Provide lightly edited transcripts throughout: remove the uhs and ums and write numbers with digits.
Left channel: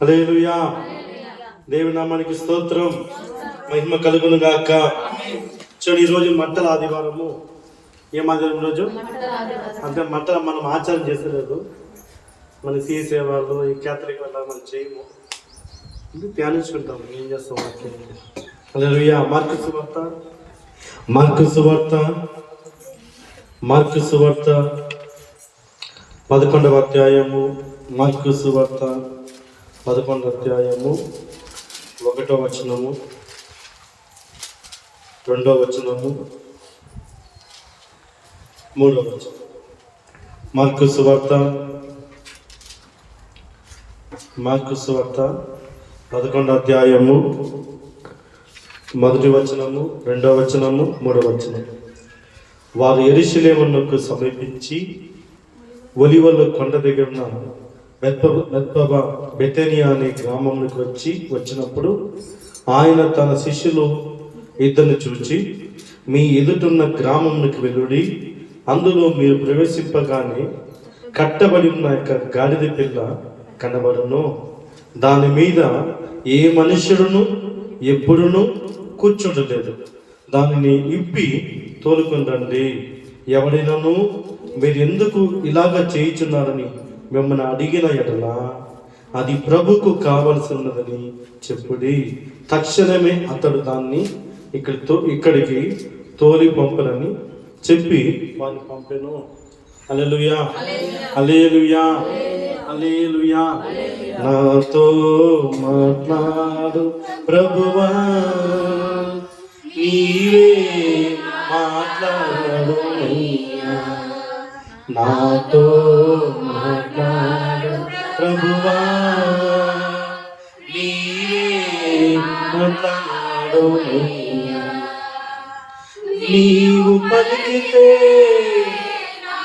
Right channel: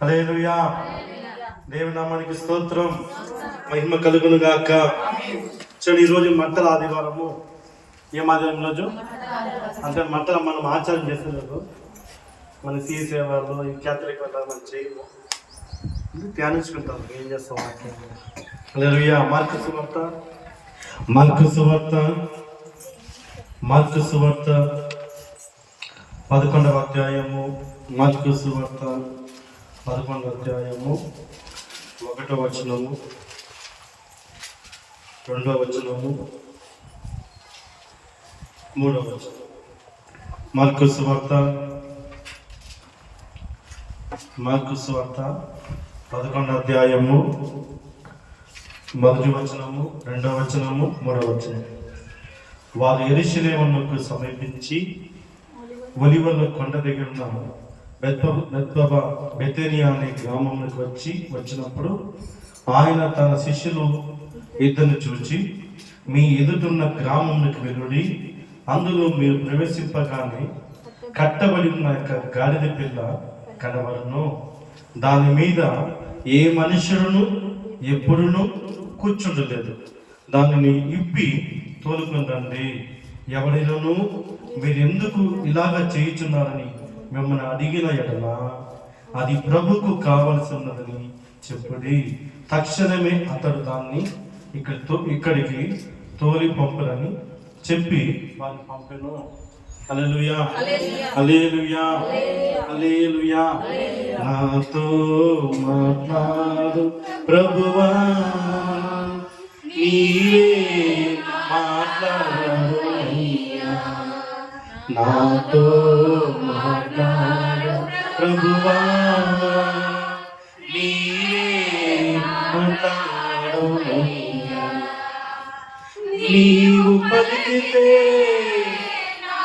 హల్లెలూయా. దేవుని నామానికి స్తోత్రం, మహిమ కలుగును గాక. చూడండి, ఈరోజు మంటల ఆదివారము. ఏం ఆదివారం రోజు అంటే మంటలు మనం ఆచారం చేస్తలేదు. మన సిఎస్ఏ వాళ్ళు ఈ క్యాథలిక్ వల్ల మనం చేయము, ధ్యానించుకుంటాం. ఏం చేస్తాం? హల్లెలూయా. మార్కు సువార్త 11వ అధ్యాయము. మార్కు సువార్త 11వ అధ్యాయము 1వ వచనము, 2వ వచనము, 3వ వచనం. మార్కు సువార్త 11వ అధ్యాయము 1వ వచనము, 2వ వచనము, 3వ వచనం. వారు యెరూషలేమునకు సమీపించి ఒలివల కొండ దగ్గర బెతనియా అనే గ్రామంలోకి వచ్చినప్పుడు ఆయన తన శిష్యులు ఇద్దరిని చూచి, మీ ఎదుటున్న గ్రామంలోకి వెళ్ళుడి, అందులో మీరు ప్రవేశింపగానే కట్టబడి ఉన్న గాడిద పిల్ల కనబడును, దాని మీద ఏ మనుషుడును ఎప్పుడును కూర్చుండలేదు, దానిని ఇప్పి తోలుకొని రండి. ఎవరైనాను మీరు ఎందుకు ఇలాగా చేయుచున్నారని మిమ్మల్ని అడిగిన ఎడల అది ప్రభుకు కావలసి ఉన్నదని చెప్పుడి. తక్షణమే అతడు దాన్ని ఇక్కడికి తోలి పంపనని చెప్పి వారిని పంపెను. హల్లెలూయా, హల్లెలూయా, హల్లెలూయా. నాతో మాట్లాడు ప్రభువా, నీవే మాట్లాడు, నాతో మాట్లాడు ప్రభువా, నీవే మాట్లాడు. నీవు పలికితే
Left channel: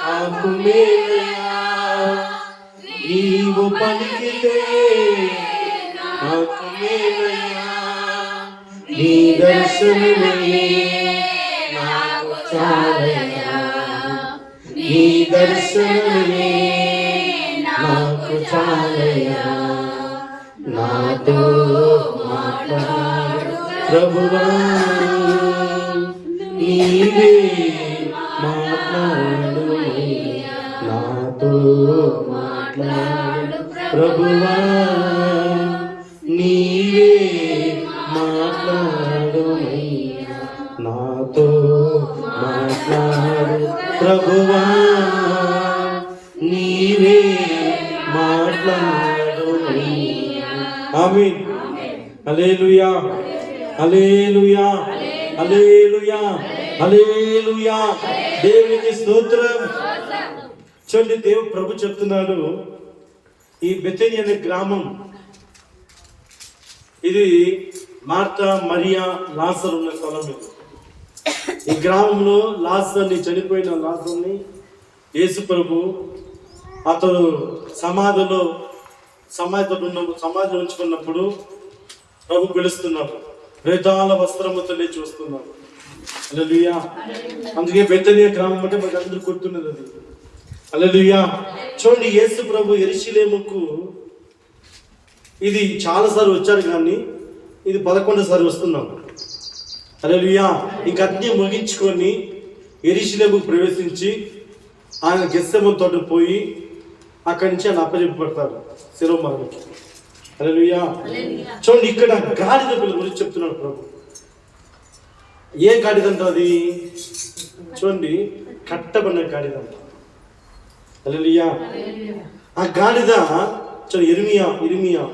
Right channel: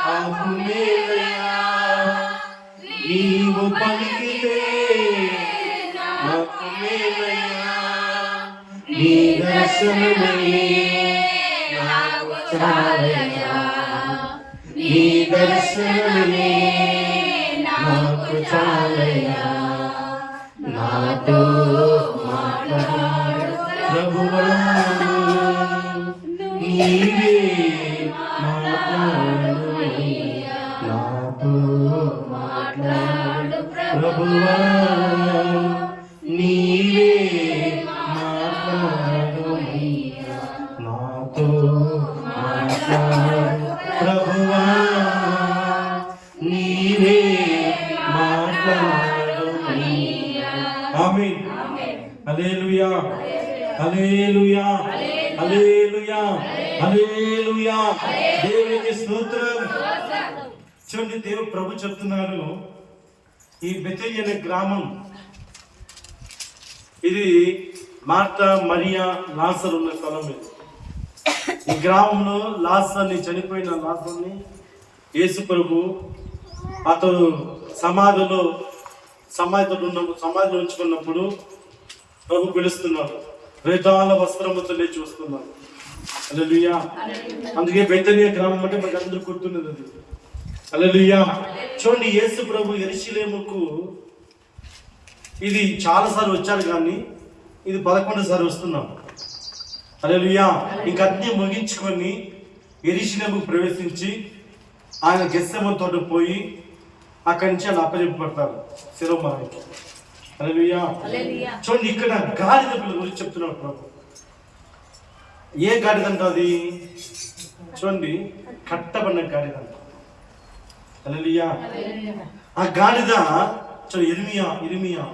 నాకు మేలయ్యా, నీవు పలికితే నాకు మేలయ్యా, నీ దర్శనమే నాకు చాలయ్యా, నీ దర్శనమే నాకు చాలయ్యా. నాతో మాట్లాడు ప్రభువా, నీవే మాట్లాడు, నాతో మాట్లాడు ప్రభువా, నీవే మాట్లాడు, నాతో మాట్లాడు ప్రభువా, నీవే మాట్లాడు. ఆమేన్. హల్లెలూయా, హల్లెలూయా, హల్లెలూయా, హల్లెలూయా. దేవునికి స్తోత్రం. చూడండి, దేవుడు ప్రభు చెప్తున్నాడు, ఈ బెతనీ అనే గ్రామం, ఇది మార్తా, మరియా, లాజరు ఉన్న స్థలం. ఇది ఈ గ్రామంలో చనిపోయిన లాజరుని యేసు ప్రభు అతడు సమాధిలో ఉంచుకున్నప్పుడు ప్రభు పిలుస్తున్నాడు, వేదాల వస్త్రముతో లేచి వస్తున్నాడు. హల్లెలూయా. అందుకే బెతనీ గ్రామం అంటే మనకు అందరూ గుర్తున్నది అది. హల్లెలూయా. చూడండి, యేసు ప్రభు యెరూషలేముకు ఇది చాలాసార్లు వచ్చాడు, కానీ ఇది 11సారి వస్తున్నాం. హల్లెలూయా. ఇంక అన్నీ ముగించుకొని యెరూషలేముకు ప్రవేశించి ఆయన గెత్సెమనే తోటకు పోయి అక్కడి నుంచి ఆయన అప్పచెప్పబడతారు శిరోమానికి. హల్లెలూయా. చూడండి, ఇక్కడ గాడిద పిల్ల గురించి చెప్తున్నాడు ప్రభు. ఏ గాడిద అంట అది? చూడండి, కట్టబడిన గాడిద అంట. హల్లెలూయా. ఆ గాడిద చూడండి, ఇర్మియా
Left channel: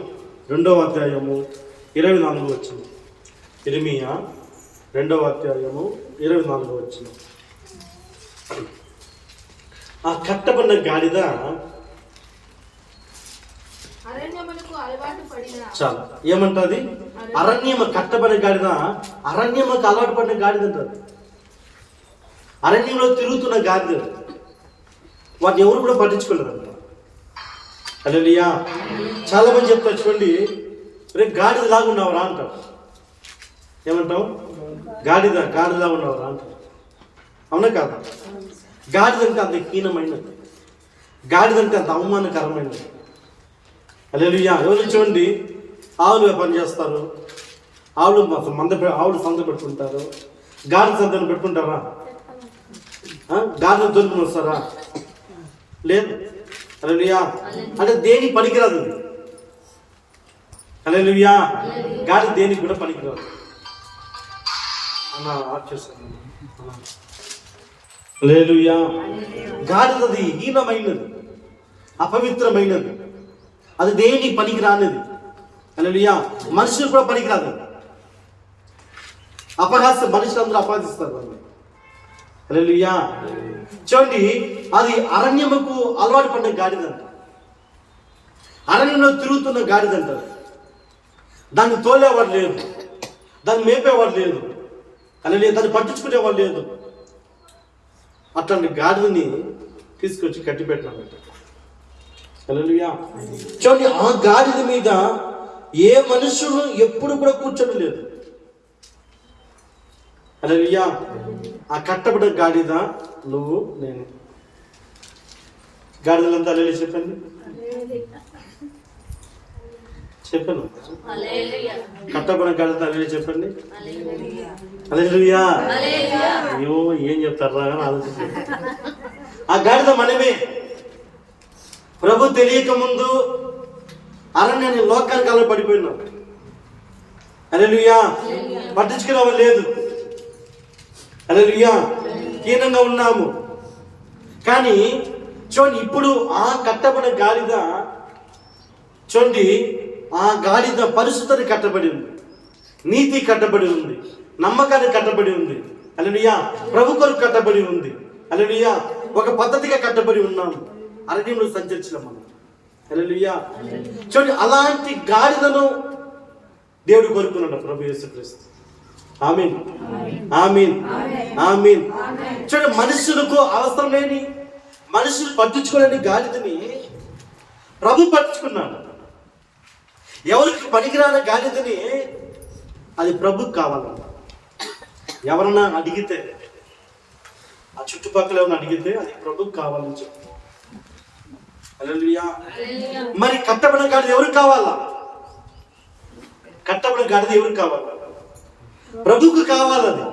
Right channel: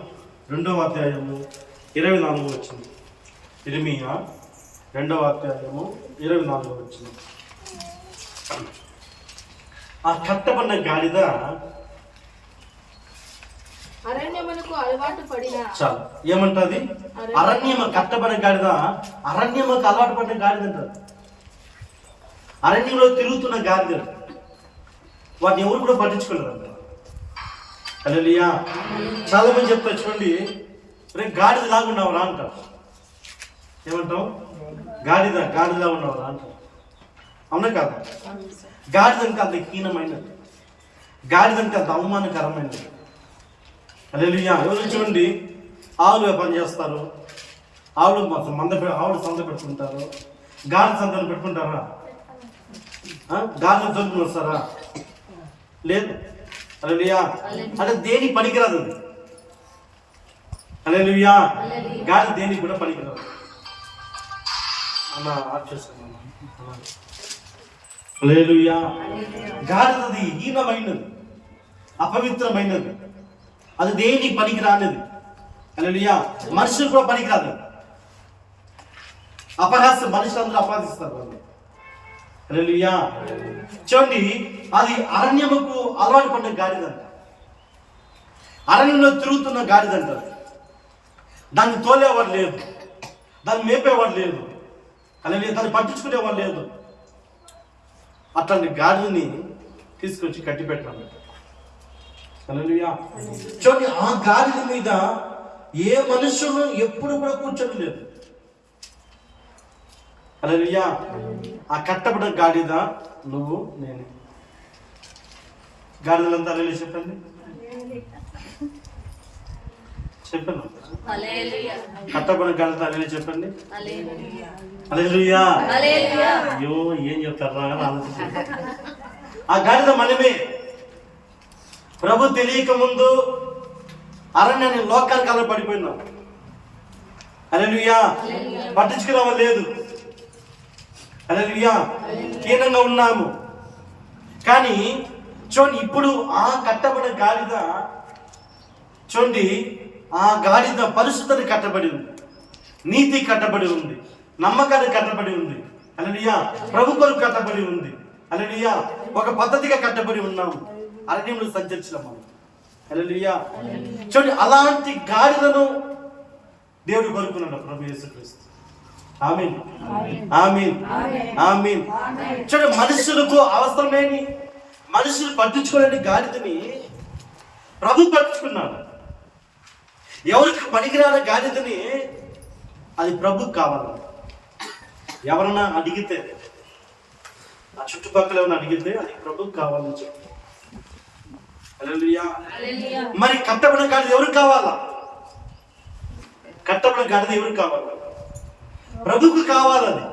2వ అధ్యాయము 24వ వచనం. ఇర్మియా 2వ అధ్యాయము 24వ వచనం. ఆ కట్టబడిన గాడిద చాలు ఏమంటది? కట్టబడిన గాడిద అరణ్యముకు అలవాటు పడిన గాడిద అంటది. అరణ్యంలో తిరుగుతున్న గాడిద, వాటిని ఎవరు కూడా పట్టించుకోలేదంట. హల్లెలూయా. చాలా మంది చెప్తారు, చూడండి, రేపు గాడిద లాగా ఉన్నావరా అంటారు. ఏమంటావు? గాడిదలా ఉన్నావరా అంటారు. అవునా కాదు? గాడిదంటే అంత హీనమైనది, గాడిదంటే అంత అవమానకరమైనది. హల్లెలూయా. ఎవరు చూడండి, ఆవులు వ్యాపారం చేస్తారు, ఆవులు సంత పెట్టుకుంటారు. గాడిద సంతను పెట్టుకుంటారా? గాడిద దొరికి వస్తారా? లేదు. హల్లెలూయా. అంటే దేనికి పనికిరాదు. హల్లెలూయా. గాడిద దేనికి కూడా పనికిరాదు. అన్న ఆఫ్ చేస్తున్నాను. హల్లెలూయా. గాడిదది హీనమైనది, అపవిత్రమైనది, అది దేనికి పనికి రానిది. హల్లెలూయా. మనుషులు కూడా పనికిరాదు. అపహాస్యం, మనుషులందరూ అపహసిస్తారు వాళ్ళు. హల్లెలూయా. చూడండి, అది అరణ్యముకు అలవాటు పడిన గాడిదంట, అరణ్యంలో తిరుగుతున్న గాడిదంటారు. దాన్ని తోలేవాడు లేదు, దాన్ని మేపేవాడు లేదు, హల్లెలూయా, దాన్ని పట్టించుకునేవాడు లేదు. అట్లాంటి గాడిదని తీసుకొచ్చి కట్టి పెట్టినాడు. హల్లెలూయా. చూడండి, ఆ గాడిద మీద ఏ మనుషులు ఎప్పుడు కూడా కూర్చొని లేదు. హల్లెలూయా. ఆ కట్టబడిన గాడిద నువ్వు నేను. గాడిదలంతా హల్లెలూయా చెప్పండి. చెప్పాను. కట్టబడిన గాడిద హల్లెలూయా చెప్పండి. హల్లెలూయా. అయ్యో ఏం చెప్తారా అని ఆలోచించండి. ఆ గాడిద మనమే. ప్రభు తెలియక ముందు అరణ్యాన్ని లోకానికి అలా పడిపోయినాం. హల్లెలూయా. పట్టించుకునేవాళ్ళు లేదు. హల్లెలూయా. హీనంగా ఉన్నాము. కానీ చూడండి, ఇప్పుడు ఆ కట్టబడిన గాడిద, చూడండి, ఆ గాడిద పరిశుద్ధత కట్టబడి ఉంది, నీతి కట్టబడి ఉంది, నమ్మకాన్ని కట్టబడి ఉంది. హల్లెలూయా. ప్రభు కొరకు కట్టబడి ఉంది. హల్లెలూయా. ఒక పద్ధతిగా కట్టబడి ఉన్నాము. అరణ్యంలో సంచరించడం మనం. హల్లెలూయా. చూడండి, అలాంటి గాడిదను దేవుడు కోరుకున్నాడు ప్రభు యేసుక్రీస్తు. ఆమేన్, ఆమేన్, ఆమేన్. చూడండి, మనుషులకు అవసరం లేని, మనుషులు పట్టించుకోలేని గాడిదని ప్రభు పట్టించుకున్నాడు. ఎవరికి పనికిరాని గాడిదని అది ప్రభుకు కావాలంట. ఎవరన్నా అడిగితే, ఆ చుట్టుపక్కల ఏమన్నా అడిగితే అది ప్రభుకు కావాలని చెప్పు. హల్లెలూయా. మరి కట్టబడిన గాడిద ఎవరికి కావాలా? కట్టబడిన గాడిద ఎవరికి కావాలా? ప్రభుకు కావాలని.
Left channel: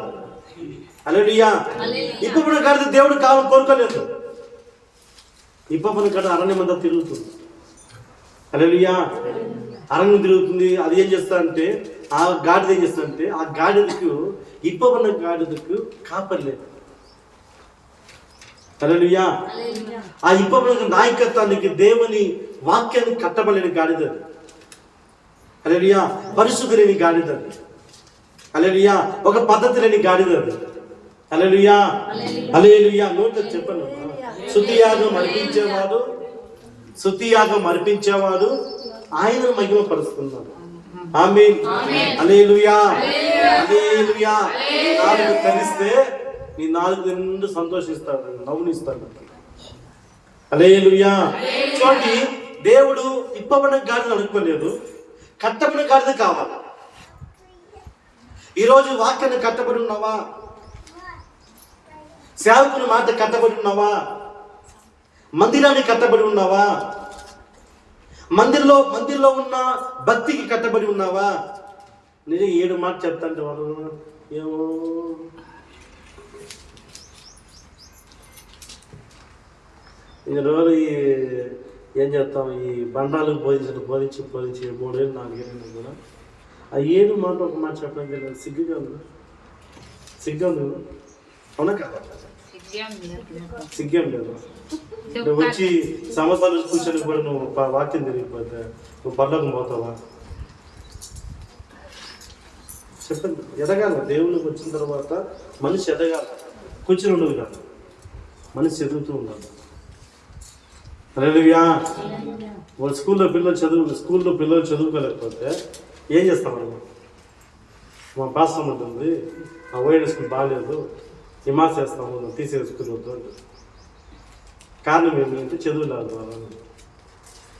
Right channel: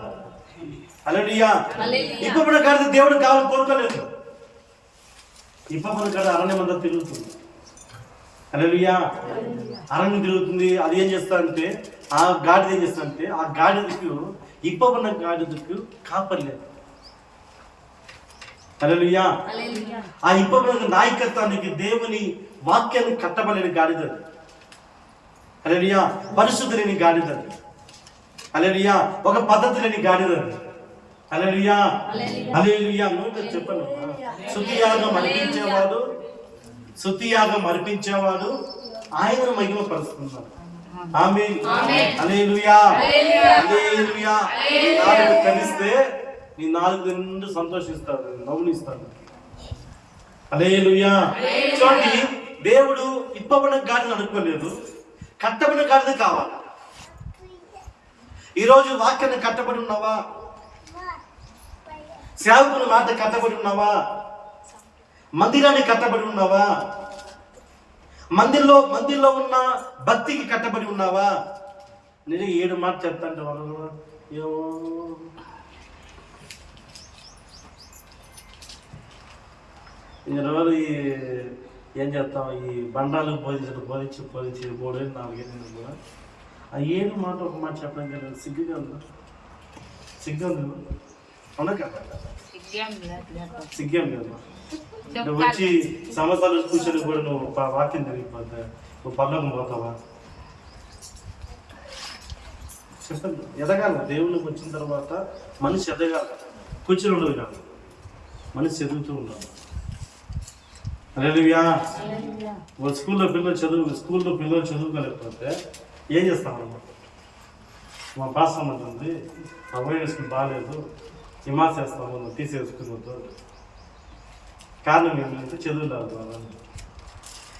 హల్లెలూయా. ఇప్పబడిన గాడిద దేవుడు కావాలని కోరుకోలేదు. ఇప్పబడిన గాడిద అరణ్యమంతా తిరుగుతుంది. హల్లెలూయా. అరణ్యం తిరుగుతుంది. అది ఏం చేస్తారంటే, ఆ గాడిద ఏం చేస్తారంటే, ఆ గాడిదకు, ఇప్పబడిన గాడిదకు కాపరి లేదు. హల్లెలూయా. ఆ ఇప్పబడిన నాయకత్వానికి, దేవుని వాక్యానికి కట్టబడిన గాడిద. హల్లెలూయా. పరిశుద్ధి లేని గాడిద. హల్లెలూయా. ఒక పద్ధతి లేని గాడిద. హల్లెలూయా. హల్లెలూయా. నోటితో చెప్పను. స్తుతియాగం అర్పించేవాడు, స్తుతియాగం అర్పించేవాడు ఆయనను మహిమపరుస్తున్నాడు. ఆమేన్. హల్లెలూయా. హల్లెలూయా. నాలుగు కలిస్తే నీ నాలుగు నిండు సంతోషిస్తాడు, నవ్వునిస్తాడు. హల్లెలూయా. చూడండి, దేవుడు ఇప్పబడిన గాడిద అనుకోలేదు, కట్టబడిన గాడిద కావాలి. ఈరోజు వాక్యాన్ని కట్టబడి ఉన్నావా? సేవకుని మాట కట్టబడి ఉన్నావా? మందిరానికి కట్టబడి ఉన్నావా? మందిర్లో ఉన్న భక్తికి కట్టబడి ఉన్నావా? నేను 7 మాట చెప్తాంటే వాళ్ళు ఏమో రోజు ఏం చేస్తాం, ఈ బండాలకు బోధించి 3 ఏళ్ళు 4 ఏళ్ళు కూడా ఆ 7 మాట ఒక మాట చెప్పడానికి కదా సిగ్గుగా ఉందా? సిగ్గా ఉంది అవునా కదా? సిగ్గేం లేదు. నువ్వు వచ్చి సంవత్సరాలు కూర్చొని కూడా నువ్వు వాక్యం తిరిగిపోతే నువ్వు పర్లోకం పోతావా? చెప్పండి. ఎదగాల. దేవుళ్ళకి వచ్చిన తర్వాత మనిషి ఎదగాల. కూర్చొని ఉండదు కాదు, మనిషి ఎదుగుతూ ఉండాలి. హల్లెలూయా. వాళ్ళ స్కూల్లో పిల్లలు చదువుకోలేకపోతే ఏం చేస్తామమ్మా? మా పాస్టర్ ఉంటుంది, మా వైడ్ స్కూల్ బాగాలేదు, హిమాస్ చేస్తాము, తీసేసుకుని వద్దు. కారణం ఏమిటంటే చదువు లేదు వాళ్ళని.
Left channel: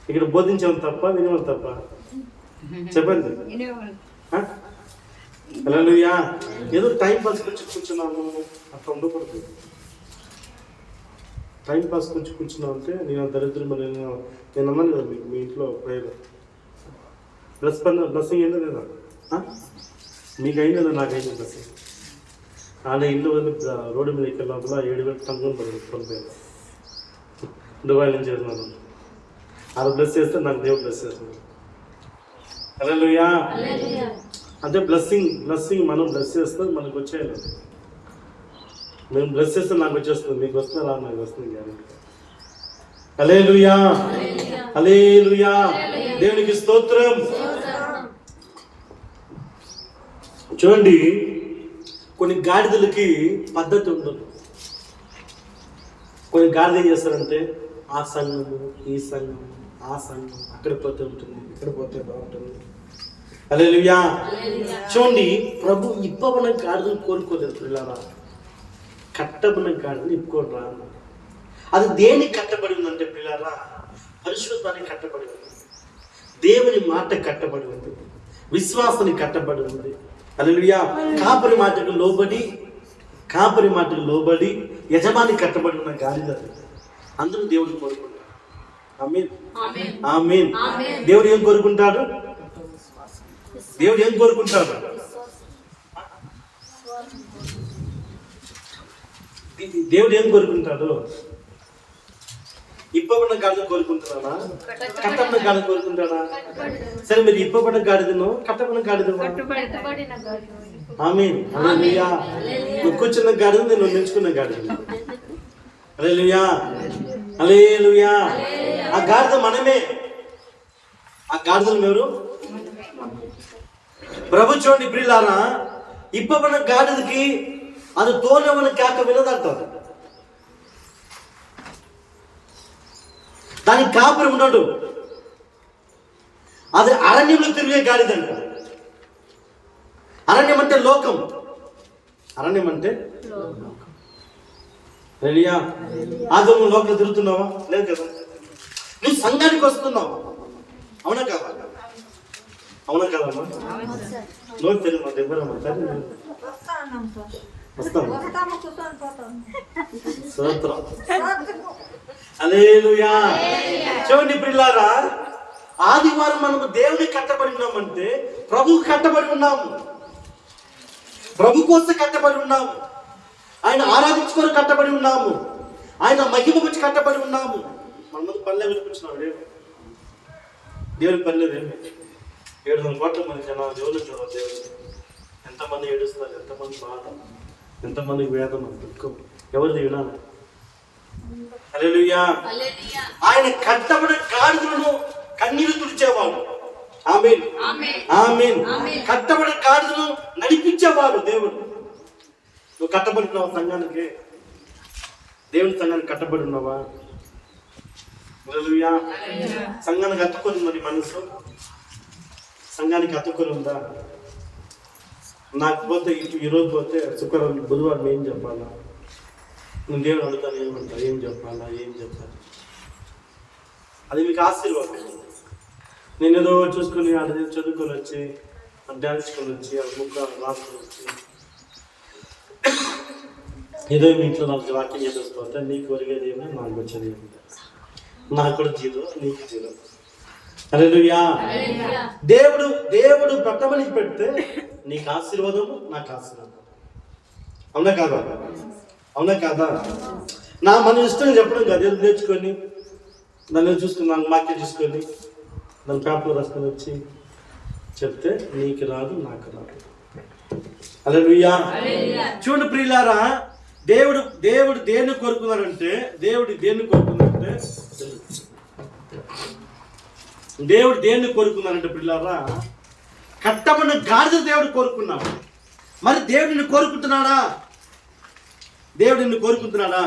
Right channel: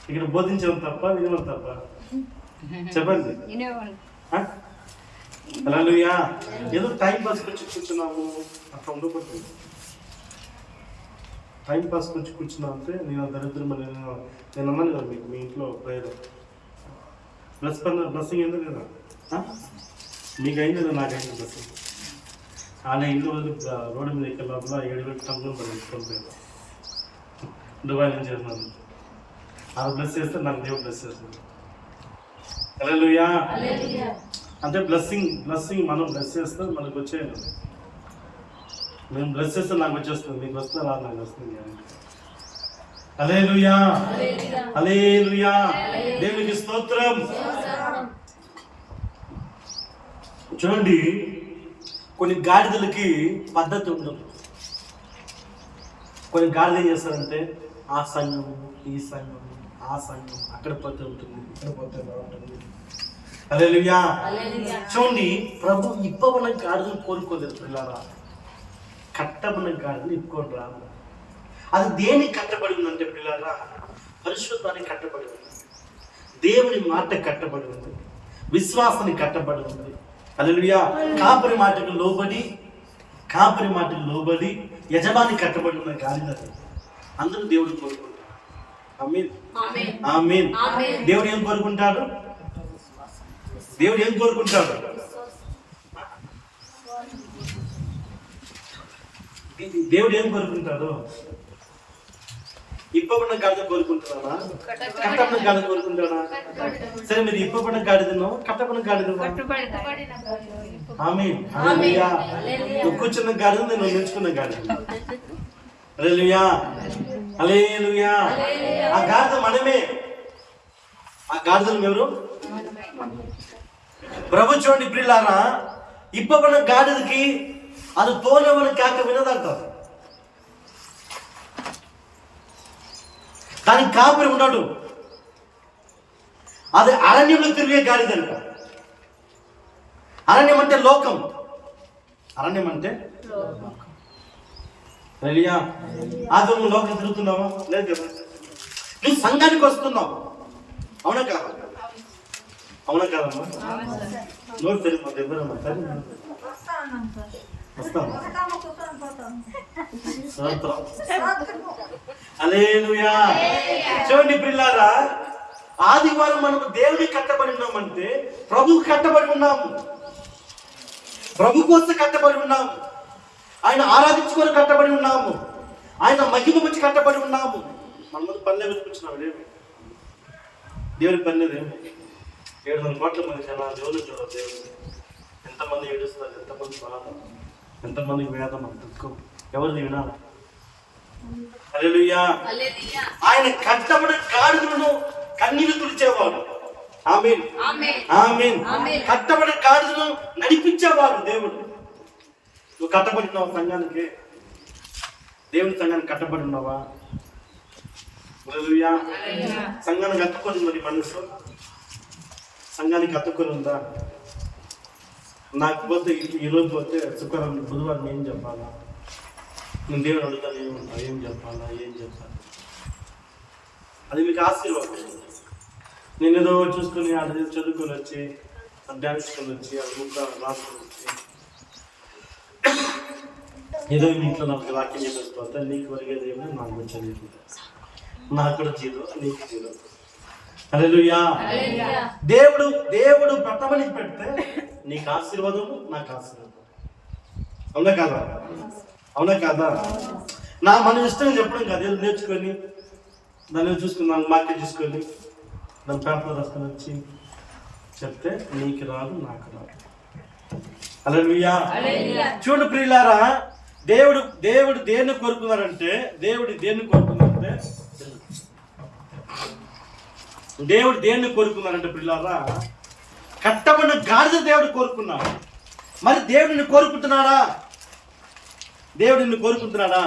ఇక్కడ బోధించడం తప్ప, వినడం తప్ప? చెప్పండి. హల్లెలూయా. ఏదో టైం పాస్ వచ్చి కూర్చున్నాము, అట్లా ఉండకూడదు. టైం పాస్ కొంచెం కూర్చున్నావు అంటే నేను దరిద్రం నేను అన్నాను కదా మీకు మీ ఇంట్లో ప్రేయర్ బ్లెస్సింగ్ అయిందా లేదా? మీకు అయిందా? నాకు అయింది బ్లెస్సింగ్. ఆయన ఇల్లు వదిలి రోడ్డు మీదకి వెళ్ళినప్పుడు 7,000 టంగులు పడిపోయారు. దుబాయ్ నుంచి వెళ్ళినాను. వాళ్ళు బ్లెస్ చేస్తే నాకు దేవుడు బ్లెస్ చేస్తున్నాడు. హల్లెలూయా. అంటే బ్లెస్సింగ్ మనం బ్లెస్ చేస్తే మనకు వచ్చేయాలి. మేము బ్లెస్ చేస్తే నాకు వచ్చేస్తుంది, మీకు వస్తుందా? నాకు వస్తుంది గ్యారెంటీ. హల్లెలూయా, హల్లెలూయా, దేవునికి స్తోత్రం. చూడండి, కొన్ని గాడిదలకి పద్ధతి ఉండదు. కొన్ని గాడిద ఏం చేస్తారంటే ఆ సంఘము, ఈ సంఘము, ఆ సంఘం, అక్కడ పోతే ఉంటుంది, ఇక్కడ పోతే బాగుంటుంది. హల్లెలూయా. చూడండి, ప్రభు ఇప్పవన గాడిదను కోరుకోలేదు పిల్లరా, కట్టబడిన గాడిని ఇప్పుకోరా. అది దేన్ని కట్టబడి ఉందంటే పిల్లరా, పరిశుద్ధానికి కట్టబడి ఉంది, దేవుని మాట కట్టబడి ఉంది, విశ్వాసానికి కట్టబడి ఉంది. హల్లెలూయా. కాపరి మాటకు లోబడి యజమాని కట్టబడి ఉన్న గాడిద. అందరూ దేవుడు కోరుకుంటారు. ఆమేన్, ఆమేన్. దేవుడు ఏం కోరుకుంటాడు? దేవుడు ఏం కోరుకుంటాడు? దేవుడు ఏం కోరుకుంటాడు? ఇప్పబడిన గాడిద కోరుకుంటారా? కట్టబడిన గాడిద కోరుకుంటాడా? సరే, మీరు ఇప్పబడిన గాడిదను కట్టబడిన గాడిదను ఆమేన్, హల్లెలూయా. నువ్వు కూర్చున్న గాడిద, నేను నిల్చుకున్న గాడిద. హల్లెలూయా, హల్లెలూయా. ఆ గాడిద మనమే. ఆ గాడిదలు ఎవరు? ప్రభు. చూడండి ప్రియులారా, ఇప్పబడిన గాడిదకి అది తోలవని కాక వినదంటారు. దానికి కాపరి ఉన్నాడు. అది అరణ్యంలో తిరిగే గాడిదంట. అరణ్యం అంటే లోకం. అరణ్యం అంటే హల్లెలూయా. అది నువ్వు లోకం తిరుగుతున్నావా? లేదు కదా. నువ్వు సంఘానికి వస్తున్నావు, అవునా కాదా? అవునా కాదమ్మా? నోరు తెలియదు మా దగ్గర వస్తాను. హల్లెలూయా. చూడండి ప్రియులారా, ఆదివారం మనము దేవుని కట్టబడి ఉన్నామంటే ప్రభువుకి కట్టబడి ఉన్నాము, ప్రభు కోసం కట్టబడి ఉన్నాము, ఆయన ఆరాధించుకొని కట్టబడి ఉన్నాము, ఆయన మహిమ గురించి కట్టబడి ఉన్నాము. మన ముందు పల్లె వెతుకున్నాం. ఏమి దేవుని పల్లెదేమి? 700 కోట్ల మంది జనాలు దేవుని చూడాలి. దేవుడు ఎంతమంది ఏడుస్తారు, ఎంతమంది బాధ, ఎంతమందికి వేదన, దుఃఖం, ఎవరిది వినాలి? హల్లెలూయా. ఆయన కట్టబడిన గాడిదలను కన్నీరు తుడిచేవాడు. ఆమేన్, ఆమేన్. కట్టబడిన గాడిదలను నడిపించేవాడు దేవుడు. నువ్వు కట్టబడి ఉన్నావా సంఘానికి? దేవుని సంఘానికి కట్టబడి ఉన్నావా? హల్లెలూయా. సంఘానికి అతుక్కొని మరి మనసు సంఘానికి అతుక్కొని ఉందా? నాకు పోతే ఈరోజు పోతే శుక్రవారం బుధవారం ఏం చెప్పాలా? నేను దేవుడు అడుగుతాను, ఏమంటా, ఏం చెప్పాలా, ఏం చెప్తాను? అది మీకు ఆశీర్వాదం. నేను ఏదో చూసుకొని అది చదువుకొని వచ్చి డ్యాన్స్కొని వచ్చి ఆ ముక్క రాసుకొని వచ్చి ఏదో మీ ఇంట్లో నాకు వాక్యం చెప్పేసిపోతే నీకు ఒరిగేది ఏమో, నాకు వచ్చేది ఏమో. నాకు కూడా జీరో, నీకు జీరో. హల్లెలూయా. దేవుడు పట్టమనికి పెడితే నీకు ఆశీర్వాదము, నాకు ఆశీర్వాదం. అవునా కాదా? అవునా కాదా? మన ఇష్టం చెప్పడం కాదు. ఏదో నేర్చుకొని దాన్ని చూసుకుని మార్కెట్ చూసుకొని దాని పేపర్ రాసుకొని వచ్చి చెప్తే నీకు రాదు, నాకు రాదు. హల్లెలూయా. చూడండి ప్రియులారా, దేవుడు దేన్ని కోరుకున్నాడంటే దేవుడు దేన్ని కోరుకున్నాడంటే ప్రియులారా, కట్టబడిన గాడిద దేవుడు కోరుకున్నాడు. మరి దేవుడిని కోరుకుంటున్నాడా? దేవుడిని కోరుకుంటున్నాడా?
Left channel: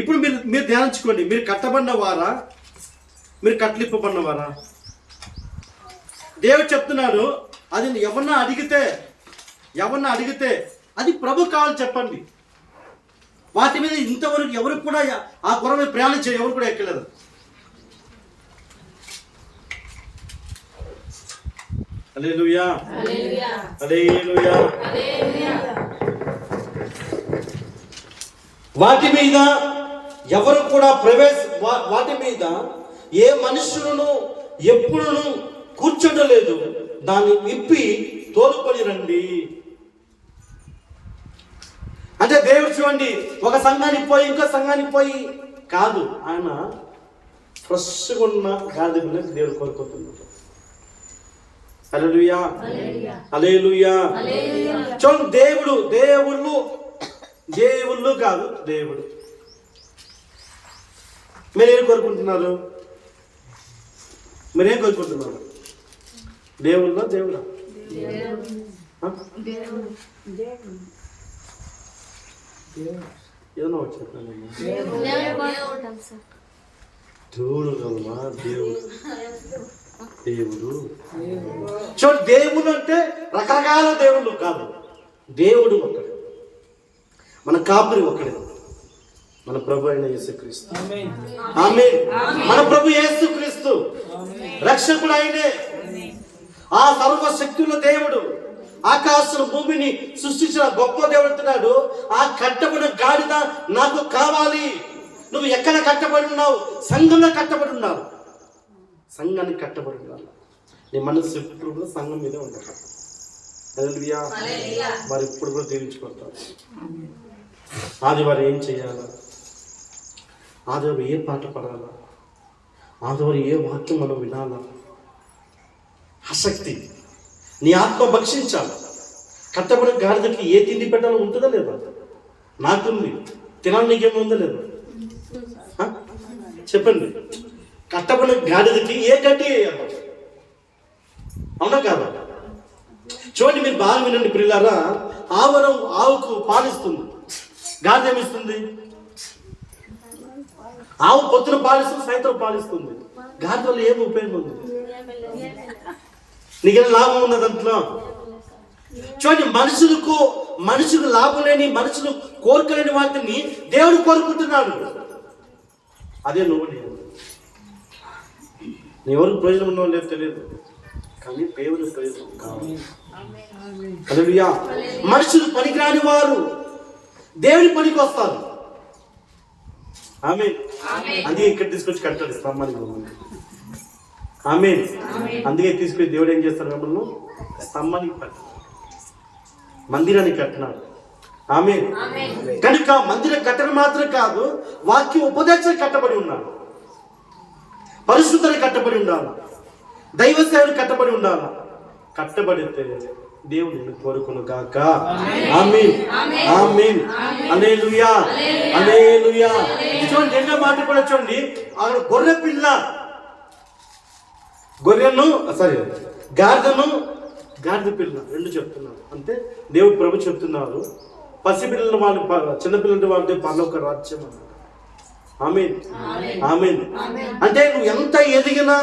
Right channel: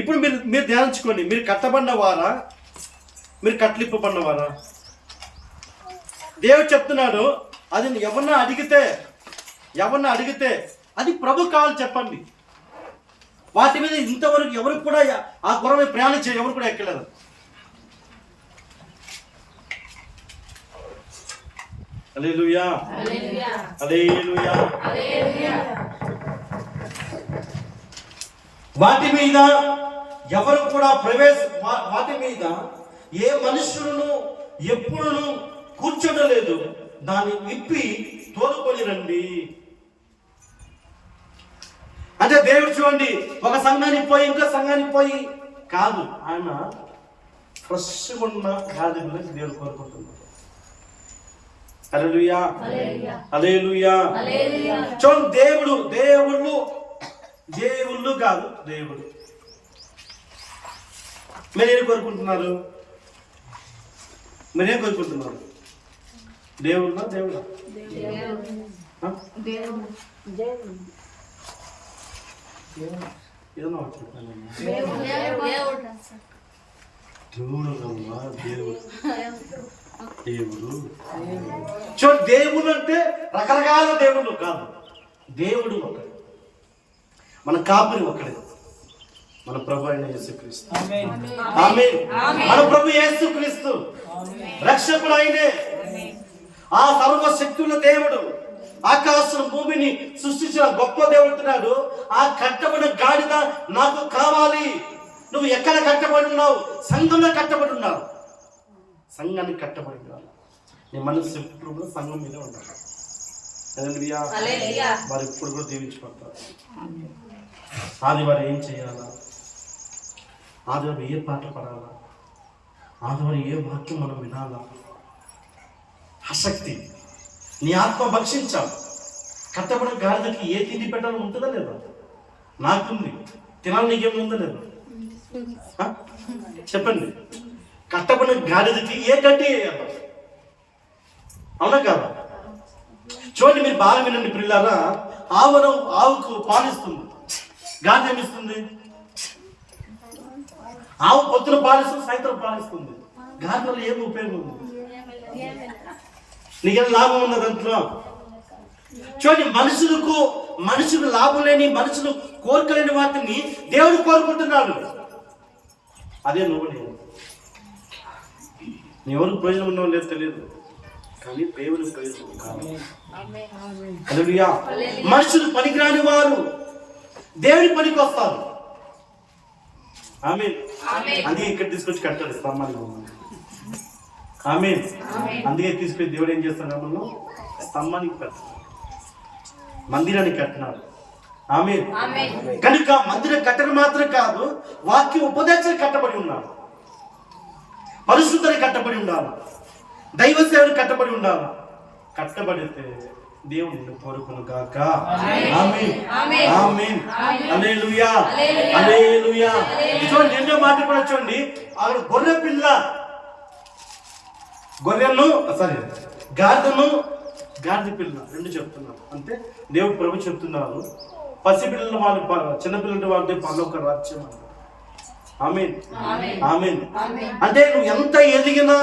ఇప్పుడు మీరు ధ్యానించుకోండి. మీరు కట్టబడిన వారా? మీరు కట్లిప్పబడిన వారా? దేవుడు చెప్తున్నాడు, అది ఎవరన్నా అడిగితే అది ప్రభు కావాలి చెప్పండి. వాటి మీద ఇంతవరకు ఎవరికి కూడా ఆ గుర్రం మీద ప్రయాణించే ఎవరు కూడా ఎక్కలేదు. హల్లెలూయా, హల్లెలూయా. వాటి మీద ఎవరు కూడా వాటి మీద ఏ మనుషులను ఎప్పుడును కూర్చోడలేదు, దాన్ని విప్పి తోలుకొని రండి. అంటే దేవుడు చూడండి, ఒక సంఘానికి పోయి ఇంకో సంఘానికి పోయి కాదు, ఆయన ఫ్రెష్గా ఉన్న గాడిద పిల్లని దేవుడు కోరుకుంటున్నాడు. హల్లెలూయా, హల్లెలూయా. చూడండి, దేవుళ్ళు కాదు, దేవుడు. మీరేం కోరుకుంటున్నారు? మీరేం కోరుకుంటున్నారు? దేవుళ్ళ దేవుడా? ఏదన్నా చెప్పండి. దేవుడు కమ్మా, దేవుడు దేవుడు. చూడు, దేవుడు అంటే రకరకాల దేవుళ్ళు కాదు, దేవుడు ఒకడే, మన కాపురి ఒకడే, మన ప్రభు అయిన యేసుక్రీస్తు. ఆమేన్. మన ప్రభు యేసుక్రీస్తు రక్షకుడు ఆయనే. ఆ సర్వశక్తుల దేవుడు, ఆకాశం భూమిని సృష్టించిన గొప్ప దేవుడు అంటున్నాడు, ఆ కట్టబడిన గాడిద నాకు కావాలి. నువ్వు ఎక్కడ కట్టబడి ఉన్నావు? సంఘంలో కట్టబడి ఉన్నావు. సంఘానికి కట్టబడి ఉండాలి. నీ మనసు ఎప్పుడు కూడా సంఘం మీదే ఉండాలి. హల్లెలూయా. వారు ఎప్పుడు కూడా దీవించబడతారు. ఆదివారం ఏం చేయాలా? ఆదివారం ఏ పాట పడాలా? ఆదివారం ఏ వాక్యం మనం వినాలా? ఆసక్తి, నీ ఆత్మ భక్షించాలి. కట్టబడిన గాడిదకి ఏ తిండి పెట్టాలో ఉంటుందా లేదా? నాకుంది. తినాలి, నీకేమో ఉందా లేదా? చెప్పండి. కట్టబడిన గాడిదకి ఏ గడ్డి వేయాలి? అవునా కాదా? చూడండి, మీరు బాగా వినండి పిల్లారా. ఆవుకు పాలిస్తుంది, గాడిద ఏమిస్తుంది? ఆవు పొద్దున పాలిస్తుంది, సాయంత్రం పాలిస్తుంది. గాడిద వల్ల ఏమి ఉపయోగం ఉంది? నీకేం లాభం ఉన్నది దాంట్లో? చూడండి, మనుషులకు లాభం లేని, మనుషులు కోరుకోలేని వాటిని దేవుడు కోరుకుంటున్నాడు. అదే నువ్వు నేను. నీ ఎవరికి ప్రయోజనం ఉన్నావు లేదు తెలియదు, కానీ దేవుని ప్రయోజనం కావాలి. హల్లెలూయా. మనుషులు పనికిరాని వారు దేవుని పనికి వస్తారు. ఆమేన్. అందుకే ఇక్కడ తీసుకొచ్చి కట్టాడు స్తంభానికి మమ్మల్ని. ఆమేన్. అందుకే తీసుకొచ్చి దేవుడు ఏం చేస్తాడు? మమ్మల్ని స్తంభానికి కట్టాడు, మందిరానికి కట్టినాడు. ఆమేన్. కనుక మందిరం కట్టడం మాత్రం కాదు, వాక్య ఉపదేశానికి కట్టబడి ఉన్నాడు, పరిశుద్ధునికి కట్టబడి ఉండాలి, దైవ సేవకు కట్టబడి ఉండాలి. కట్టబడితే దేవుడు నిన్ను కోరుకును గాక. ఆమేన్, ఆమేన్, హల్లెలూయా, హల్లెలూయా. చూడండి, రెండో మాట కూడా చూడండి. అక్కడ గాడిద పిల్ల రెండు చెప్తున్నాను. అంటే దేవుడు ప్రభు చెప్తున్నారు, పసిపిల్లల వాళ్ళు, చిన్నపిల్లల వాళ్ళే పరలోక రాజ్యం అన్నారు. ఆమేన్, ఆమేన్. అంటే నువ్వు ఎంత ఎదిగినా,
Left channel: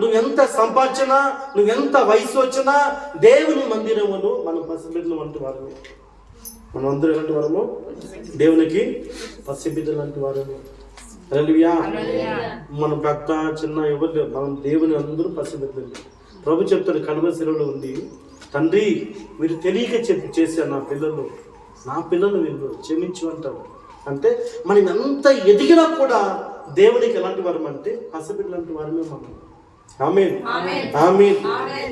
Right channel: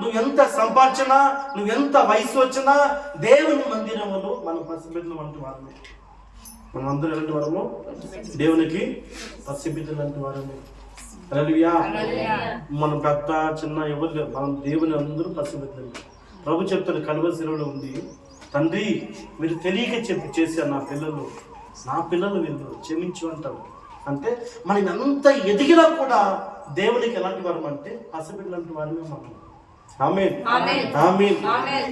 నువ్వెంత సంపాదించినా, నువ్వెంత వయసు వచ్చినా, దేవుని మందిరములు మనం పసిబిడ్డలు వంటి వారమే. మనం అందరూ ఎలాంటి వారము? దేవునికి పసిబిడ్డలు వంటి వారమే. హల్లెలూయా. మనం పెద్ద చిన్న ఎవరు లేవు, మనం దేవుని అందరూ పసిబిడ్డలు. ప్రభు చెప్తాడు కలువ శిలువలో ఉంది, తండ్రి మీరు తెలియక చేశారు నా పిల్లలు వీళ్ళు క్షమించు అంటారు. అంటే మనం ఎంత ఎదిగినా కూడా దేవునికి ఎలాంటి వారం అంటే పసిబిడ్డలు లాంటి వారమే మనం. ఆమేన్, ఆమేన్.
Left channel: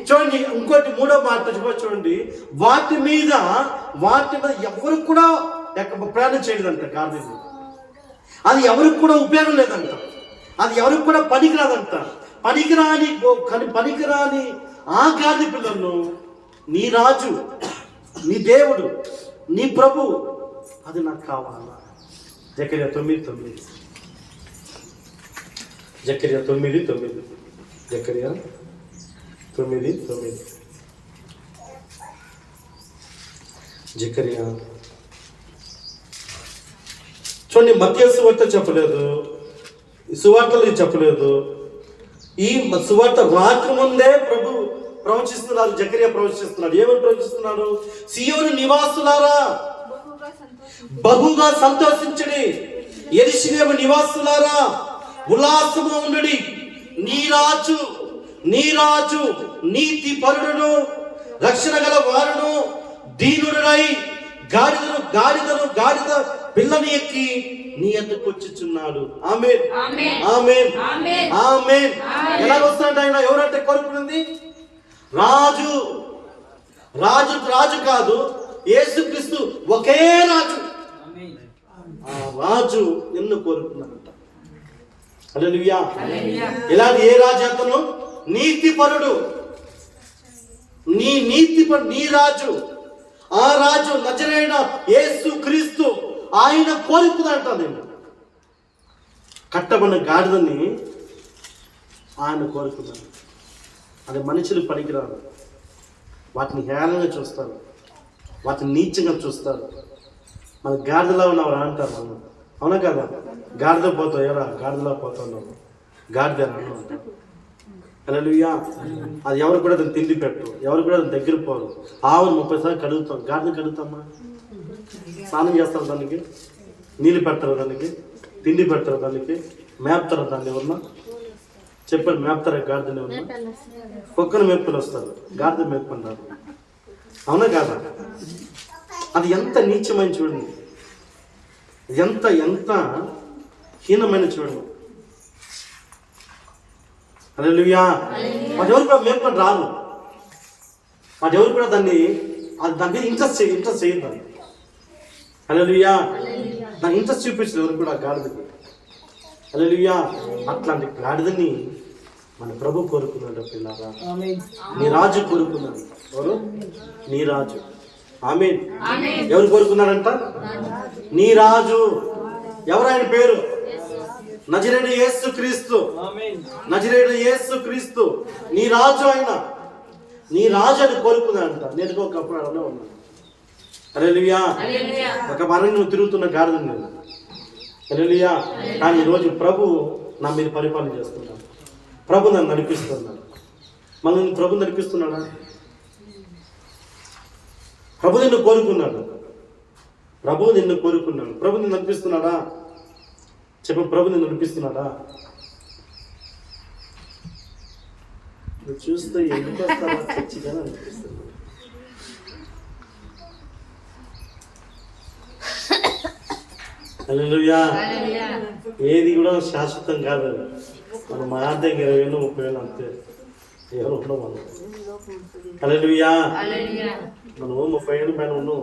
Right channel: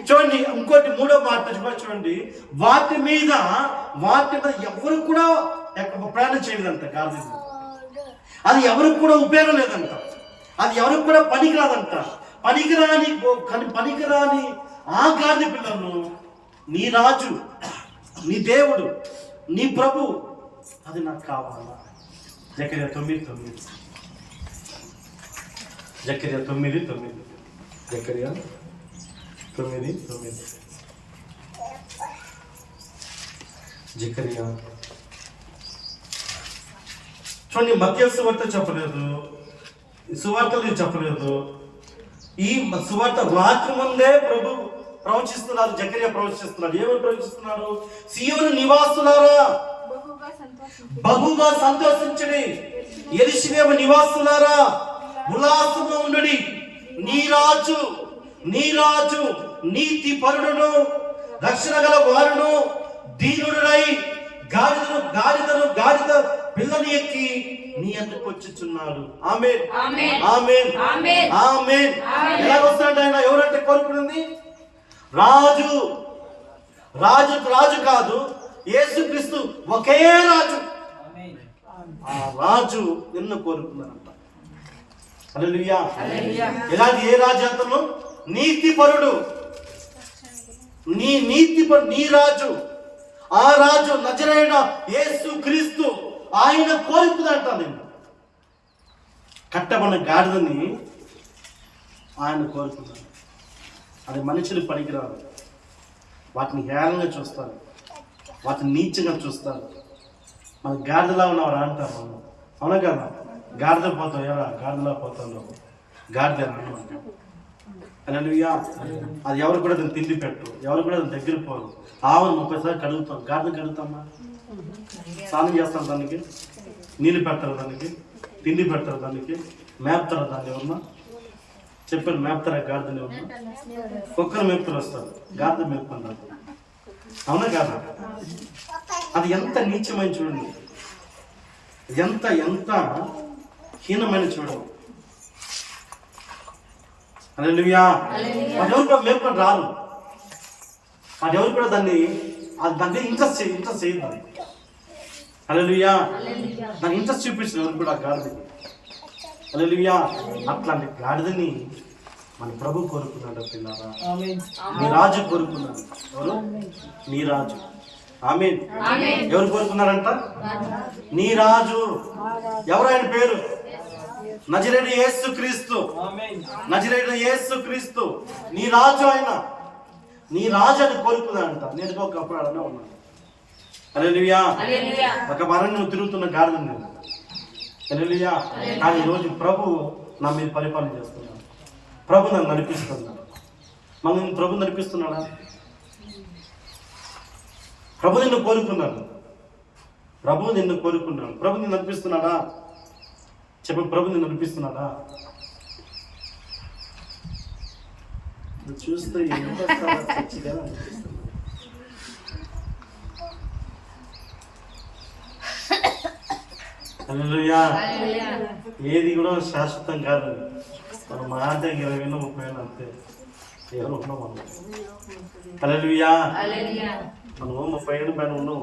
చూడండి, ఇంకోటి మూడో మాట చూడండి. వాటి మీద ఎవరు కూడా ప్రయాణం చేయలేదంట గాడిద. అది ఎవరికి కూడా ఉపయోగం లేదంట, అది ఎవరికి కూడా పనికిరాదంట. పనికిరాని ఆ గాడిద పిల్లలను నీ రాజు, నీ దేవుడు, నీ ప్రభు, అది నాకు కావాలా? జకర్యా 9:9. జకర్యా 9:9. జకర్యా 9:9. జకర్యా. చూడండి, మత్తయి సువార్త చెప్పలేదు, సువార్తలు చెప్పలేదు. ఈ సువార్త రాత్రి ముందే ప్రభు ప్రవచిస్తున్నారు. జకర్యా ప్రవచిస్తున్నాడు. ఏమని ప్రవచిస్తున్నాడు? సీయోను నివాసులారా బహుగా సంతోషించండి, యెరూషలేము నివాసులారా ఉల్లాసముగా ఉండండి, నీ రాజు నీ రాజు నీతి పరుడును రక్షణ గల వారును దీనుడై గాడిద పిల్లని ఎక్కి నీ ఎందుకు వచ్చుచున్నాడు. ఆమేన్ ఆమేన్ ఆమేన్. ఎలా వస్తాడు ఆయన? ఎవరంటే కోరుకున్నది? రాజు కాదు, యేసుక్రీస్తు ఒకే రాజు. ఆ రాజు నిన్ను కోరుకున్నాడంట. హల్లెలూయా. ఇలాంటి ఏ రాజు అతను? నీతిపరుడు. నీ రాజు, ఆ రాజు నజరేయుడ యేసుక్రీస్తు ఆయన కోరుకున్నాడంట. నేను కట్టబడిన గాడిదని ఆయన కోరుకున్నాను. అది మనుషులు పనికిరాదు. వాటిని హేళనగా చూస్తారు, వాటిని నీచంగా చూస్తారు. మన గాడిదలా ఉన్నావు అంటారు. మనం అవునా కదా? గాడిద పోతావు, ఎలా గాడిదలా పోతావు, గాడిద అంటారు. హల్లెలూయా. అది ఎవరు కూడా దాన్ని తిండి పెట్టరు, ఎవరు కూడా దాని దగ్గర పోరు. ఆవును 30 సార్లు కడుగుతాం, గాడిద కడుగుతామా? స్నానం చేస్తారు, దానికి నీళ్ళు పెడతారు, దానికి తిండి పెడతారు, దానికి మేపుతారు. దాన్ని ఎవరన్నా చెప్పండి, మేపుతారా గాడిదని? ఎవరన్నా కుక్కను మేపుకొని వస్తారు, గాడిద మేపుకుంటారు. అవునా కాదా? అది ఎంత నీచమైన చూడండి, ఎంత హీనమైన చూడండి. హల్లెలూయా. వాటి ఎవరు కూడా మేపుకొని రారు, వాటి ఎవరు కూడా దాన్ని ఇంట్రెస్ట్ చేయదు. హల్లెలూయా. దాన్ని ఇంట్రెస్ట్ చూపించదు ఎవరు కూడా గాడిదకి. హల్లెలూయా. అట్లాంటి గాడిదని మన ప్రభు కోరుకున్నాడు. పిల్లారా, నీ రాజు కోరుకున్నాడు. ఎవరు? నీ రాజు. ఆమేన్. ఎవరు కోరుకున్నారంట? నీ రాజు. ఎవరు ఆయన పేరు? నజరేయుడు యేసుక్రీస్తు. నజరేయుడు యేసుక్రీస్తు నీ రాజు. ఆయన నీ రాజు అని కోరుకున్నాడంట. నేను ఒకప్పుడు అలానే ఉన్నాను. హల్లెలూయా. ఒక మరణం తిరుగుతున్న గాడిద నేను. హల్లెలూయా. కానీ ఈరోజు ప్రభు నా మీద పరిపాలన చేస్తున్నాడు. ప్రభు నన్ను నడిపిస్తున్నాడు. మనం ప్రభు నడిపిస్తున్నాడా? ప్రభు నిన్ను కోరుకున్నాడు. ప్రభు నిన్ను కోరుకున్నాడు. ప్రభు నిన్ను నడిపిస్తున్నాడా? చెప్పు, ప్రభు నిన్ను నడిపిస్తున్నాడా? నువ్వు చూస్తే ఎంత చచ్చిగా అనిపిస్తుంది. హల్లెలూయా. ఏది కూడా శాశ్వతం కాదు. మనం మాట 20,000 30,000 అంతే. ఎవరు ఉండవు మనం. హల్లెలూయా. మనం 30 ఏళ్ళ పైన ఉన్నాం.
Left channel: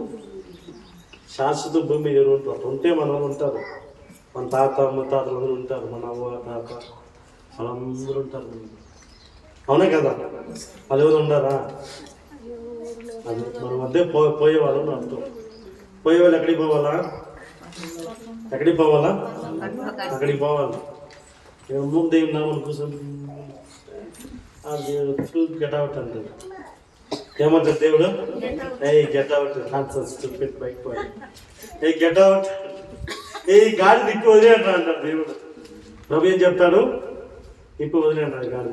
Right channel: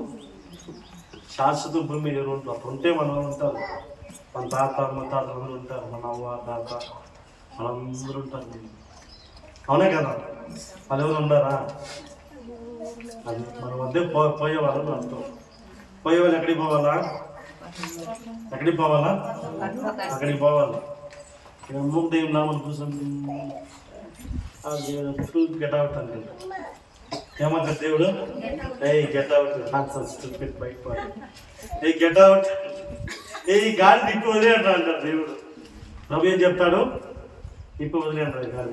శాశ్వత భూమి మీద ఉంటారు. అట్లా ఉంటే మనం ఉంటారు. మన తాత ముత్తాతలు అందరూ ఉంటారు. మన అవ్వ తాత వాళ్ళందరూ ఉంటారు. అవునే కదా? అది ఎవరు ఉండారా? అది మన మధ్య పోయేవాళ్ళని అర్థం. పోయేవాళ్ళు ఎక్కడికి పోవాలా? ఎక్కడికి పోవాలా? అక్కడికి పోవాలి. మూడు దేవుని నామని కూర్చొని గెట్ అవుట్ అంటే ఏమంటారు దేవుడు? ఏ గెట్ అవుట్, బయట పోయి ఏ గెట్ అవుట్, ఏ గాడి దిక్కు వదిలేంట అంటారు దేవుడు. ప్రభు ఏం చెప్తాడు? ఇప్పుడు వదిలేంటారు గాడి.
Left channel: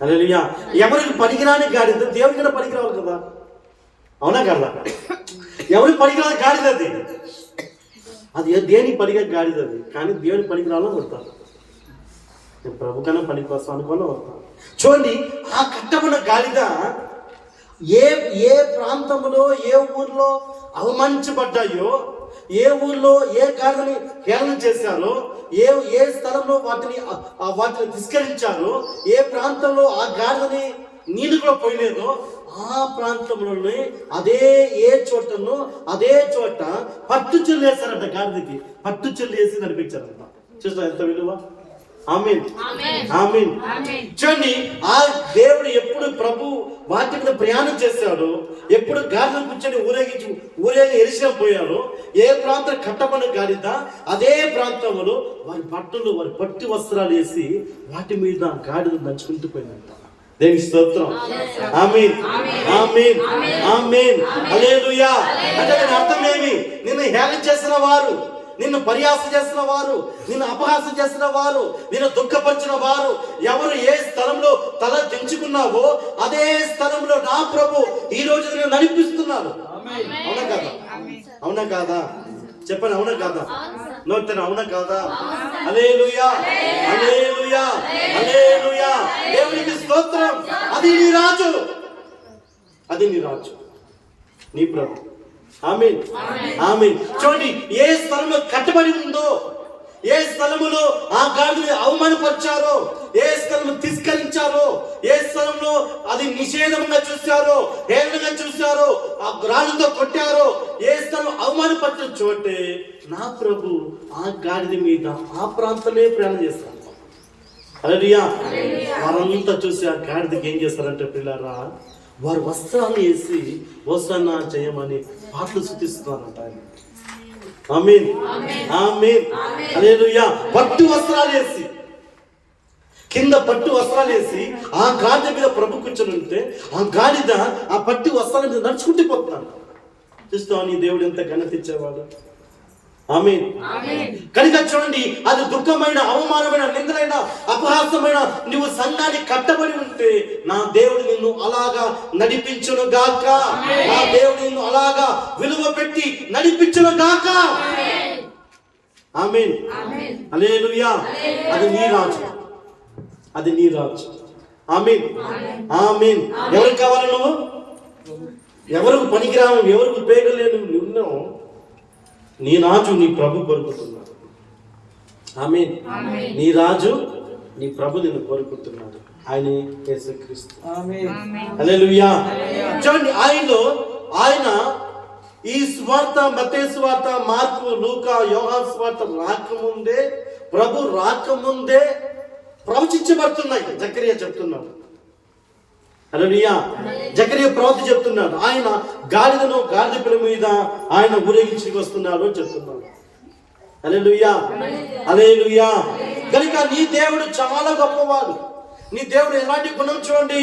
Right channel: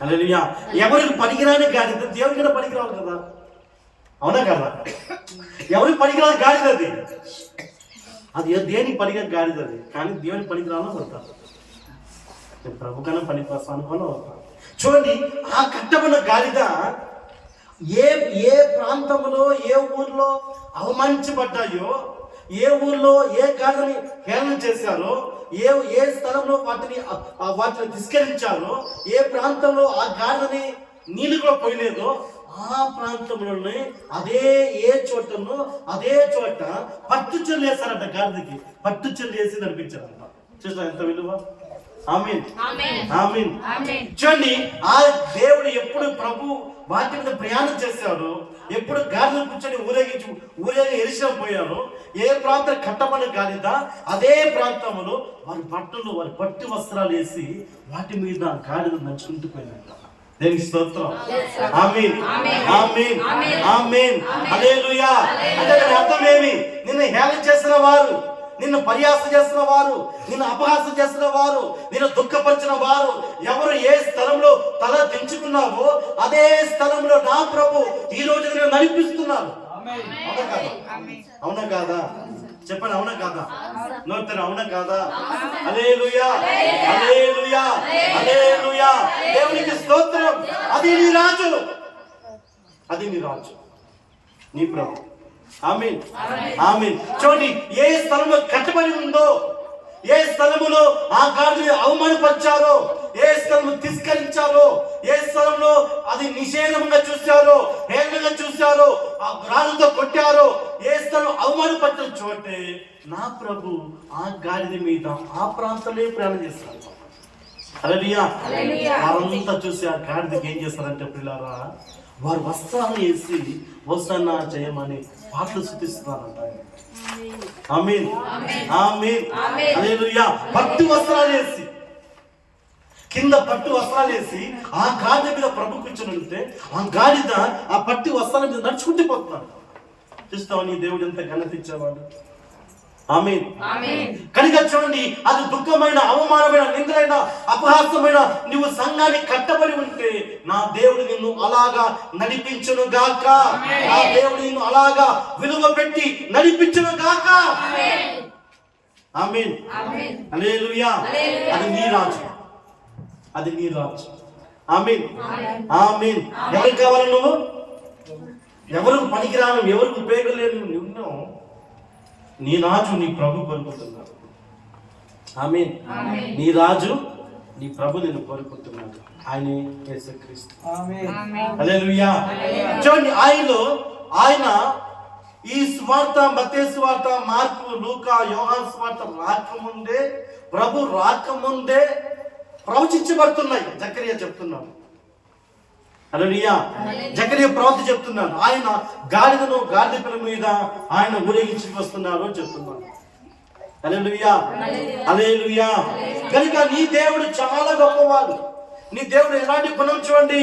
హల్లెలూయా. ఎవరికి పనికిరాని గాడి దేవునికి కూడా పనికిరావాలి కదా? అవునా కదా? ఎవరికి పనికిరాని గాడిద అది దేనికి పనికిరాని గాడిద అది. కానీ దేవుని పనికిరాలో వస్తారు. నేను ప్రభు కన్నా పనికి వస్తాను అనుకోని వస్తాను. చూడండి, ఆ కట్టబడిన గాడిద ఏ ప్రాంతంలో ఏ ఊర్లో అవమానించబడ్డాయో, ఏ ఊర్లో ఏ గాడిదని హేళన చేశారో, ఏ స్థలంలో వాటిని తిరస్కరించారో, ఏ ప్రాంతంలో ఆ గాడిదని నీళ్ళు కూడా పోయలేదో, ఆ ప్రాంతంలోనే ఏ చోట పట్టుచొల్లు వేస్తారంట. గాడిదకి పట్టుచొల్లు వేసి నడిపించారంట. చూసిన ఎంత విలువ. ఆమేన్ ఆమేన్. చూడండి, ఆ దేవుడు ఎప్పుడు ప్రభు వాటి మీద ప్రయాణం చేశాడు, ఎప్పుడు గాడిదను కూర్చొని ఊరేగి ఎరిశిలం పోయారో, ఏ ప్రాంతం కట్టబడిన గాడిద అదే ప్రాంతంలో వారి పట్టు వస్త్రాలు వేసి వాటి మీద గాడిద నడుచుకుంటూ పోయిందంట. దేవునికి స్తోత్రం. ఆమేన్ ఆమేన్ ఆమేన్. హల్లెలూయా. అంటే దాని అర్థం ఏమి? నిన్ను హేళన చేసిన వారు, నిన్ను పరిహాసం చేసిన వారు, నిన్ను అపహాసం చేసిన వారు, నిన్ను దుఃఖపరిచిన వారు ఎవరు ఏ స్థలంలో తల దించుకున్నావో అదే స్థలంలో నా ప్రభు ఈ రోజు నేను నడిపిస్తున్నాను. అవునా కాదా? అవునా కాదా? చెప్పండి, అవునా కాదా? నోరుతాను, అవునా కాదా? హల్లెలూయా, హల్లెలూయా, హల్లెలూయా. దేవునికి స్తోత్రం. అది నీ రాజు, అది నీ రాజు, నీ ప్రభు. ఆమేన్, ఆమేన్. చూడండి, ఏ స్థలంలో కట్టబడి ఉందో, ఏ స్థలములో ఆ గాడిని అవమానపరిచారో, ఏ స్థలము తిరస్కరించారో, ఏ స్థలంలో అది నిషేధంగా చూశారో, హేళనగా చూశారో, ఆ రాళ్ళతో కొట్టారో, ఏ స్థలం అవమానపరిచిన చోటే నా ప్రభు ఆ గాడిద మీద ఆ ప్రాంతంలో ప్రయాణం చేస్తారు. హల్లెలూయా. వారంతా చూసి ఆ గాడిదకి ఏం చేస్తారంటే పిల్లారా, వారు వస్త్రాలు వేసి హోసన్నా జయమని పాటలు స్తుతిస్తున్నారంట. ఆమేన్, ఆమేన్, హల్లెలూయా. పట్టు వస్త్రాలు వేసి, కింద పట్టు వస్త్రాలు వేసి ఆ గాడిద మీద ప్రభు కూర్చొని ఉంటే ఆ గాడిద ఆ పట్టు వస్త్రాల మీద నడుచుకుంటూ పోతున్నాడు. చూస్తావు నీ దేవుడు ఎంత ఘనత ఇచ్చేవాడు. ఆమేన్. కనుక చూడండి, అది దుఃఖమైన, అవమానమైన, నిందలైన, అపహాస్యమైన నువ్వు సంఘాన్ని కట్టబడి ఉంటే నా దేవుడు నిన్ను అలాగా నడిపించును గాక. నా దేవుడు నిన్ను అలాగా విలువ పెట్టి నడిపించును గాక. ఆమేన్, హల్లెలూయా. అది నీ రాజు, అది నీ రాజు. ఆమేన్, ఆమేన్. ఎవరికి కావాలి నువ్వు? ఎవరికి పనికిరాను, ఎవరికి ఉపయోగలేను నువ్వు? నీ రాజు నీ ప్రభు కోరుకుంటున్నాడు. ఆమేన్. నీ రాజు నీ ప్రభు నిన్ను కోరుకుంటున్నాడు. ఆయనే యేసుక్రీస్తు. హల్లెలూయా. చూడండి, ఆయన ఈ సువార్త, మత్తయి సువార్త, మార్కు, లూకా, యోహాను సువార్త రాకముందే, ప్రభు రాకముందే ప్రవచించబడుతున్నాయి. జకరియా చెప్తున్నాడు. హల్లెలూయా. జకరియా ప్రవక్త చెప్తున్నాడు, ఆయన గాడిద పిల్ల మీద ఆయన ఊరేగించి వస్తున్నారు అని చెప్తున్నాడు. హల్లెలూయా, హల్లెలూయా. కనుక నీ దేవుడు చాలా గొప్పవాడు. నీ దేవుడు ఎలాంటి గుణం చూడండి,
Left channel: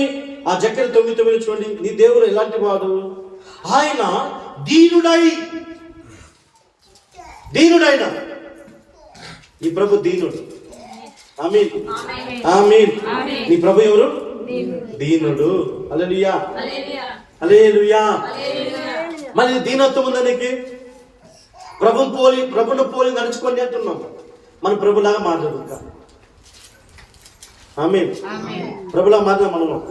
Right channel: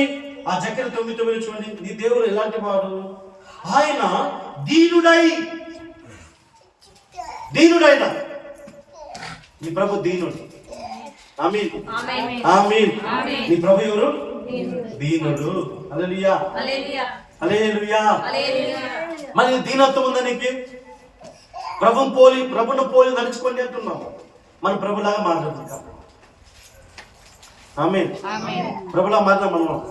ఆ జకరియా 9:9 చూడండి. నీ దేవుడు ఎలాంటి వాడు? ఆయన దీనుడైన నీ ప్రభు దీనుడు. ఆమేన్, ఆమేన్. నీ ప్రభు ఎవరు? దీనుడు. హల్లెలూయా, హల్లెలూయా. మరి దీనత్వం ఉందా నీకు? ప్రభును పోలి నడుచుకొని అంటున్నాం. మన ప్రభులాగా మాట్లాడుతాం. ఆమేన్. ప్రభులా మారినా మనం?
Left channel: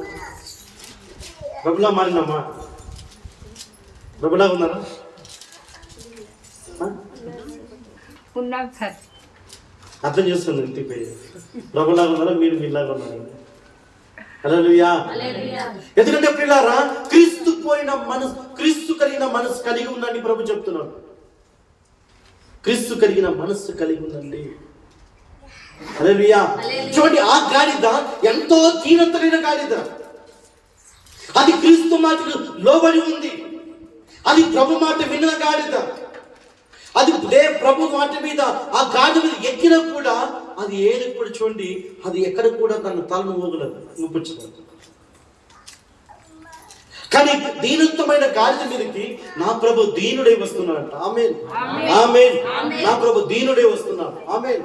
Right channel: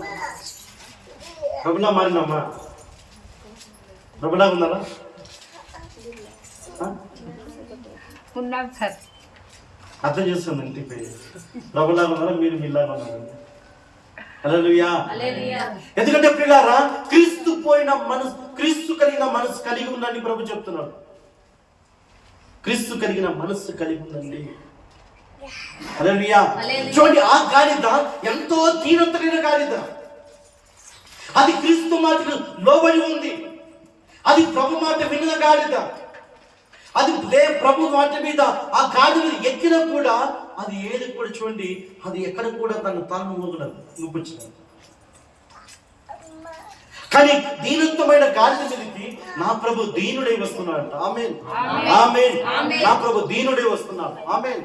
ప్రభులా మారినామా? ప్రభులాగా ఉన్నారా? అర్థం చేస్తుంది ఇంటిపై. ప్రభులాగా ఉన్నారా? మీరు మీలాగా ఉన్నారా? హల్లెలూయా. ఎందుకంటే ప్రియులారా, క్రీస్తు కలిగిన మనసు కలిగి ఉందని ప్రభు చెప్తున్నాడు. క్రీస్తు కలిగిన మనస్సు కలిగి ఉందండి. హల్లెలూయా. చూడండి, ఆ గాడిద ఎంతో దీనతమైన గాడిద. అది క్రీస్తు మాటకు లోబడి ఉంది. అది ప్రభు మాట విన్న గాడిద. అది ప్రభు మాట మీద ఆ గాడిద మీద ఎక్కినా కూడా అది ఏది కూడా చూడండి, అది ఎక్కడ కూడా తన తలను ఊగలేదు, ఊపించలేదు. కానీ దీనత్వమైన గాడిద మీదకి నా ప్రభు దీనుడై వస్తున్నాడు. ఆమేన్, ఆమేన్. నా ప్రభు దీనుడై వస్తున్నాడు. ఆమేన్,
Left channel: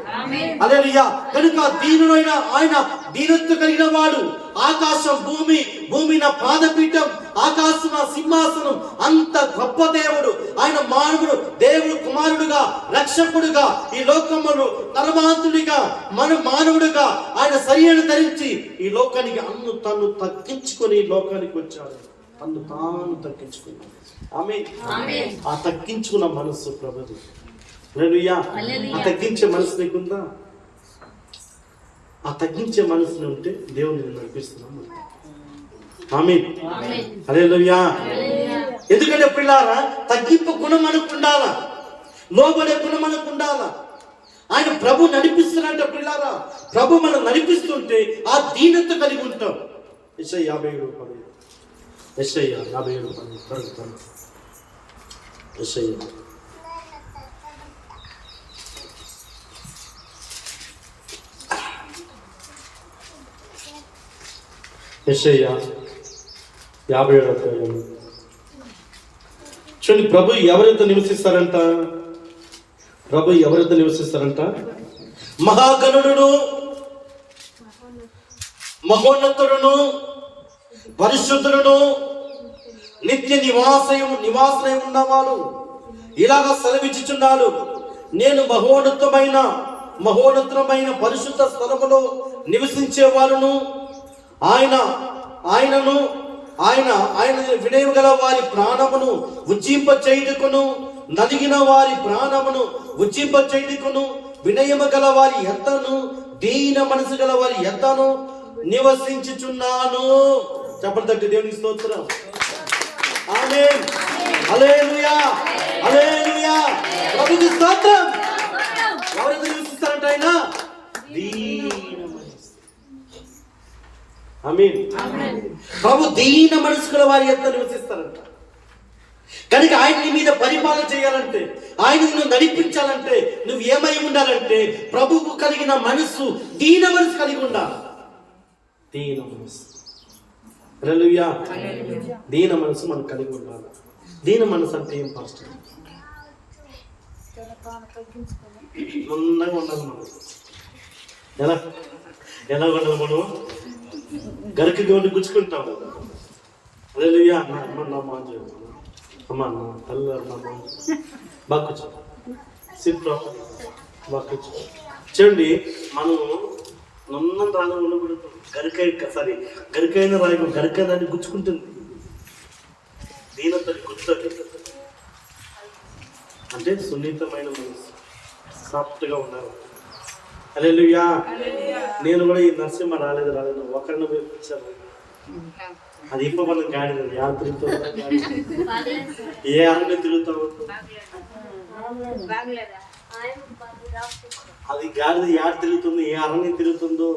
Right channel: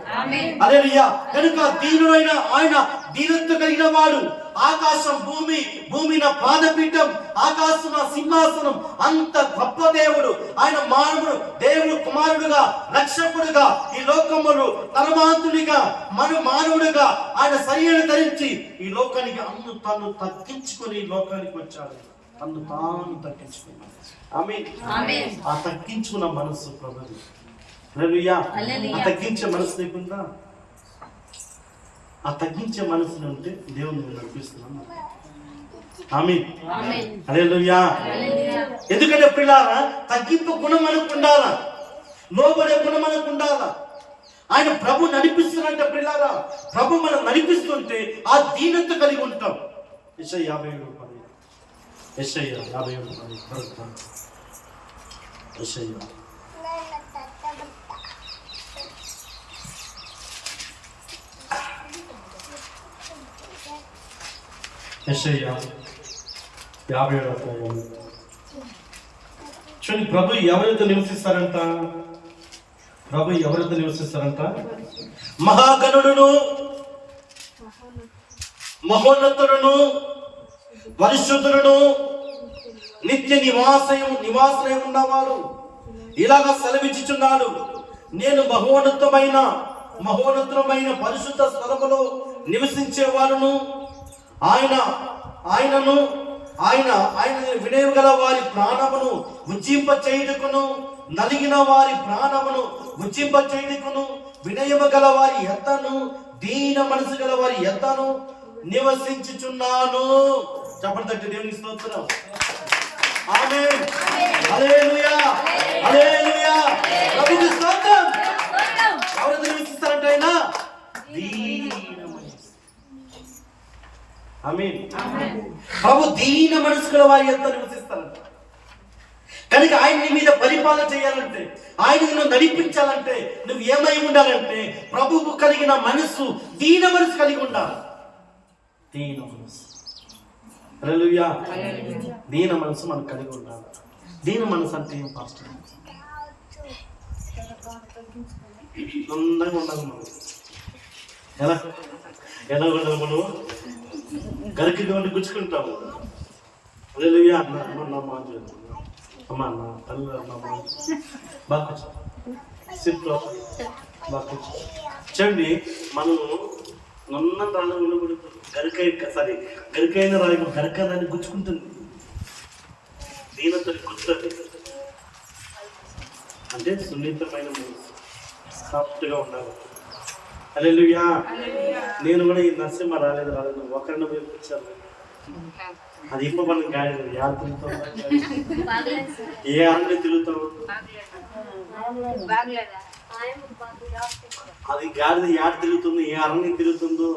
హల్లెలూయా. కనుక దీనుడైన ఆయన, దీనత్వం కలిగిన వాడు. ఆకాశం భూమి నా పాదపీఠం, ఆకాశం నా సింహాసనం. అంత గొప్ప దేవుడు ఆయన. మానవుడు, దేవుడు కుమారుడుగా, రక్షకుడుగా, ఈ లోకములు పరమాత్ముడిగా, మానవుడుగా ఆయన శరీరాన్ని ధరించి ఈ లోకానికి తను తగ్గించుకొని ఈ లోకానికి వచ్చాడు. తను తాను తగ్గించుకున్నాడు. ఆమేన్. ఆ తగ్గించుకున్న మనస్సు ప్రభుది. హల్లెలూయా. ఆ తగ్గించే మనసు నీకుందా? ఆ తగ్గించే మనసుని ఉంటే దేవుని నడిపిస్తున్నాం. ఆమేన్, హల్లెలూయా. ఎందుకంటే ప్రియులారా, తగ్గింపు గుణం మనకు ఉండాలా, లోబడే గుణం మనకు ఉండాలా. ఆయన ప్రభు నడిపిస్తున్నట్ట ప్రియులారా. ప్రభు మనం నడిపిస్తుంటే ఆ దీనత కలిగి ఉంటాం. యెషయా 57:10. యెషయా 57:10. యెషయా యెషయా 57:10. చూడండి, ప్రభు ఎవరైతే నివసిస్తారంట? ప్రభు ఎవరైతే నివసిస్తారంట? మహాగణుడును, మహోన్నతుడును, పరిశుద్ధుడును, నిత్య నివాసయం ఉన్నవాడు, ఇలాగా సెలవిచ్చుచున్నాడు, నేను మహోన్నతమైన పరిశుద్ధ స్థలములో నివసించే వాళ్ళను ఆయన వినయం గల వారి ప్రాణమును ఉజ్జింప చేయుటకును, నలిగిన వారి ప్రాణమును ఉజ్జింప చేయుటకును, వినయము గల వారి ఎద్దను, దీన మనసు గల వారి ఎద్దను నివసించుచున్నాను. చెప్పండి దేవునికి స్తోత్రం. ఆమేన్. హల్లెలూయా, హల్లెలూయా. ప్రభువుకి స్తోత్రం. ఎవరు నివసిస్తారంట? ఆయన దీన మనసు. ఆమేన్. ప్రభు దీన మనసు గల వారి ఎద్ద నివసిస్తారంట. కనుక ఆయన నీ మీద పరిపాలన చేయాలంటే, ఆయన నిన్ను నడిపించాలంటే నువ్వు ఏమై ఉండాలంటే ప్రభువు కలిగిన మనసు, దీన మనసు కలిగి ఉండాలి. దీన మనసు. హల్లెలూయా. దీన మనసు మనం కలిగి ఉండాలి. దీన మనసు అంటే ఏం పాస్టర్? అందంగా ఉండాలి మనం. ఎలా ఉండాలి మనం? గరికి గోండి గుచ్చుకుంటాము. హల్లెలూయా. నా మాట అమ్మా, నా తల్లి నా మాట బాగా కూర్చో. సిట్లో బాగా కూర్చో. చూడండి, మనము నన్నం రాగా ఉండకూడదు. గరికైన రాయి గరికైన దాన్ని గుచ్చుకుంటుంది. దీనంతో గుచ్చుతుంది అంటే సున్నితమైన మనసు, సాఫ్ట్గా ఉండాలి. హల్లెలూయా. నేను కూడా ఈ నరసింహ రాలేదు ఒకరిని పిలిపించాను. అది ఇప్పుడు మనం గాడిద యాడ తిరుగుతావు, ఏ ఆడని తిరుగుతావు. అది గాడిద యాడ తిరుగుతుంది, ఏ అరణ్యం తిరుగుతుందో.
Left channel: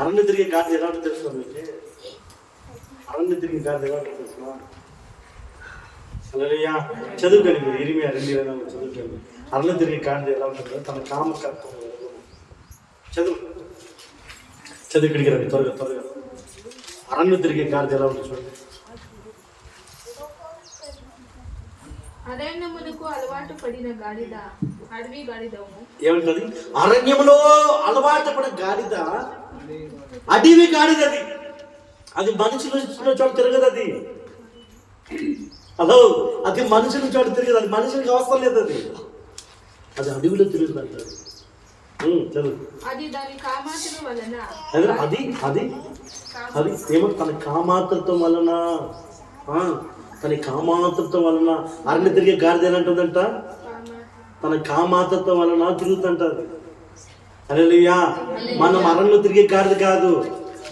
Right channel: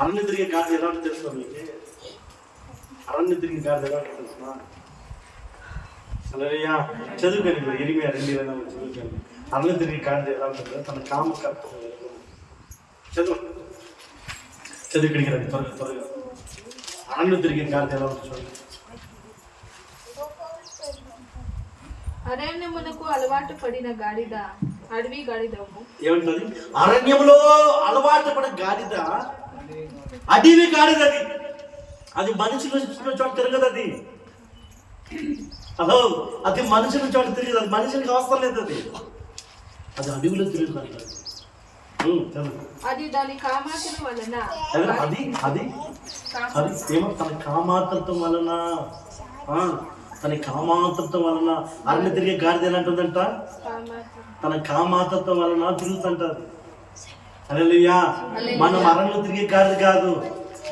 అరణ్య తిరిగే గాడిద ఎలా ఉంటుంది తెలుసు మీకు? అరణ్య తిరిగే గాడిద ఎలా ఉంటుంది తెలుసునా? హల్లెలూయా. చదువుకోండి మీరు ఇరిమియా 2:24 చదువుకోండి. అరణ్య తిరిగే గాడిద ఎలా ఉంటుందో తన కామకత్వం. చదువు ఇక్కడికి రండి త్వరగా. అరణ్య తిరిగే గాడిద ఎలా ఉంటుంది చూడండి. అరణ్యమునకు అలవాటు పడిన గాడిద అడవి గాడిదవు. ఏమంటుంది? అరణ్యములో అలవాటు పడిన గాడిద అడవి గాడిదది. అది మనుషులు చోట తిరగదు. అది మనుషుల చోట తిరగదు. అది మనుషులకి అవసరం లేదు. అది అడవిలో తిరుగుతుంది అంటారు. అది దాని కామాతుల వలన అది ఏమో తన కామాతృత్వం వలన అరణ్య తిరిగే గాడిద ఏమంటుందంట? తన కామాతృత్వం వలన తిరుగుతుంటది. హల్లెలూయా. మనం అరణ్యంలో తిరిగే గాడిద కాదు,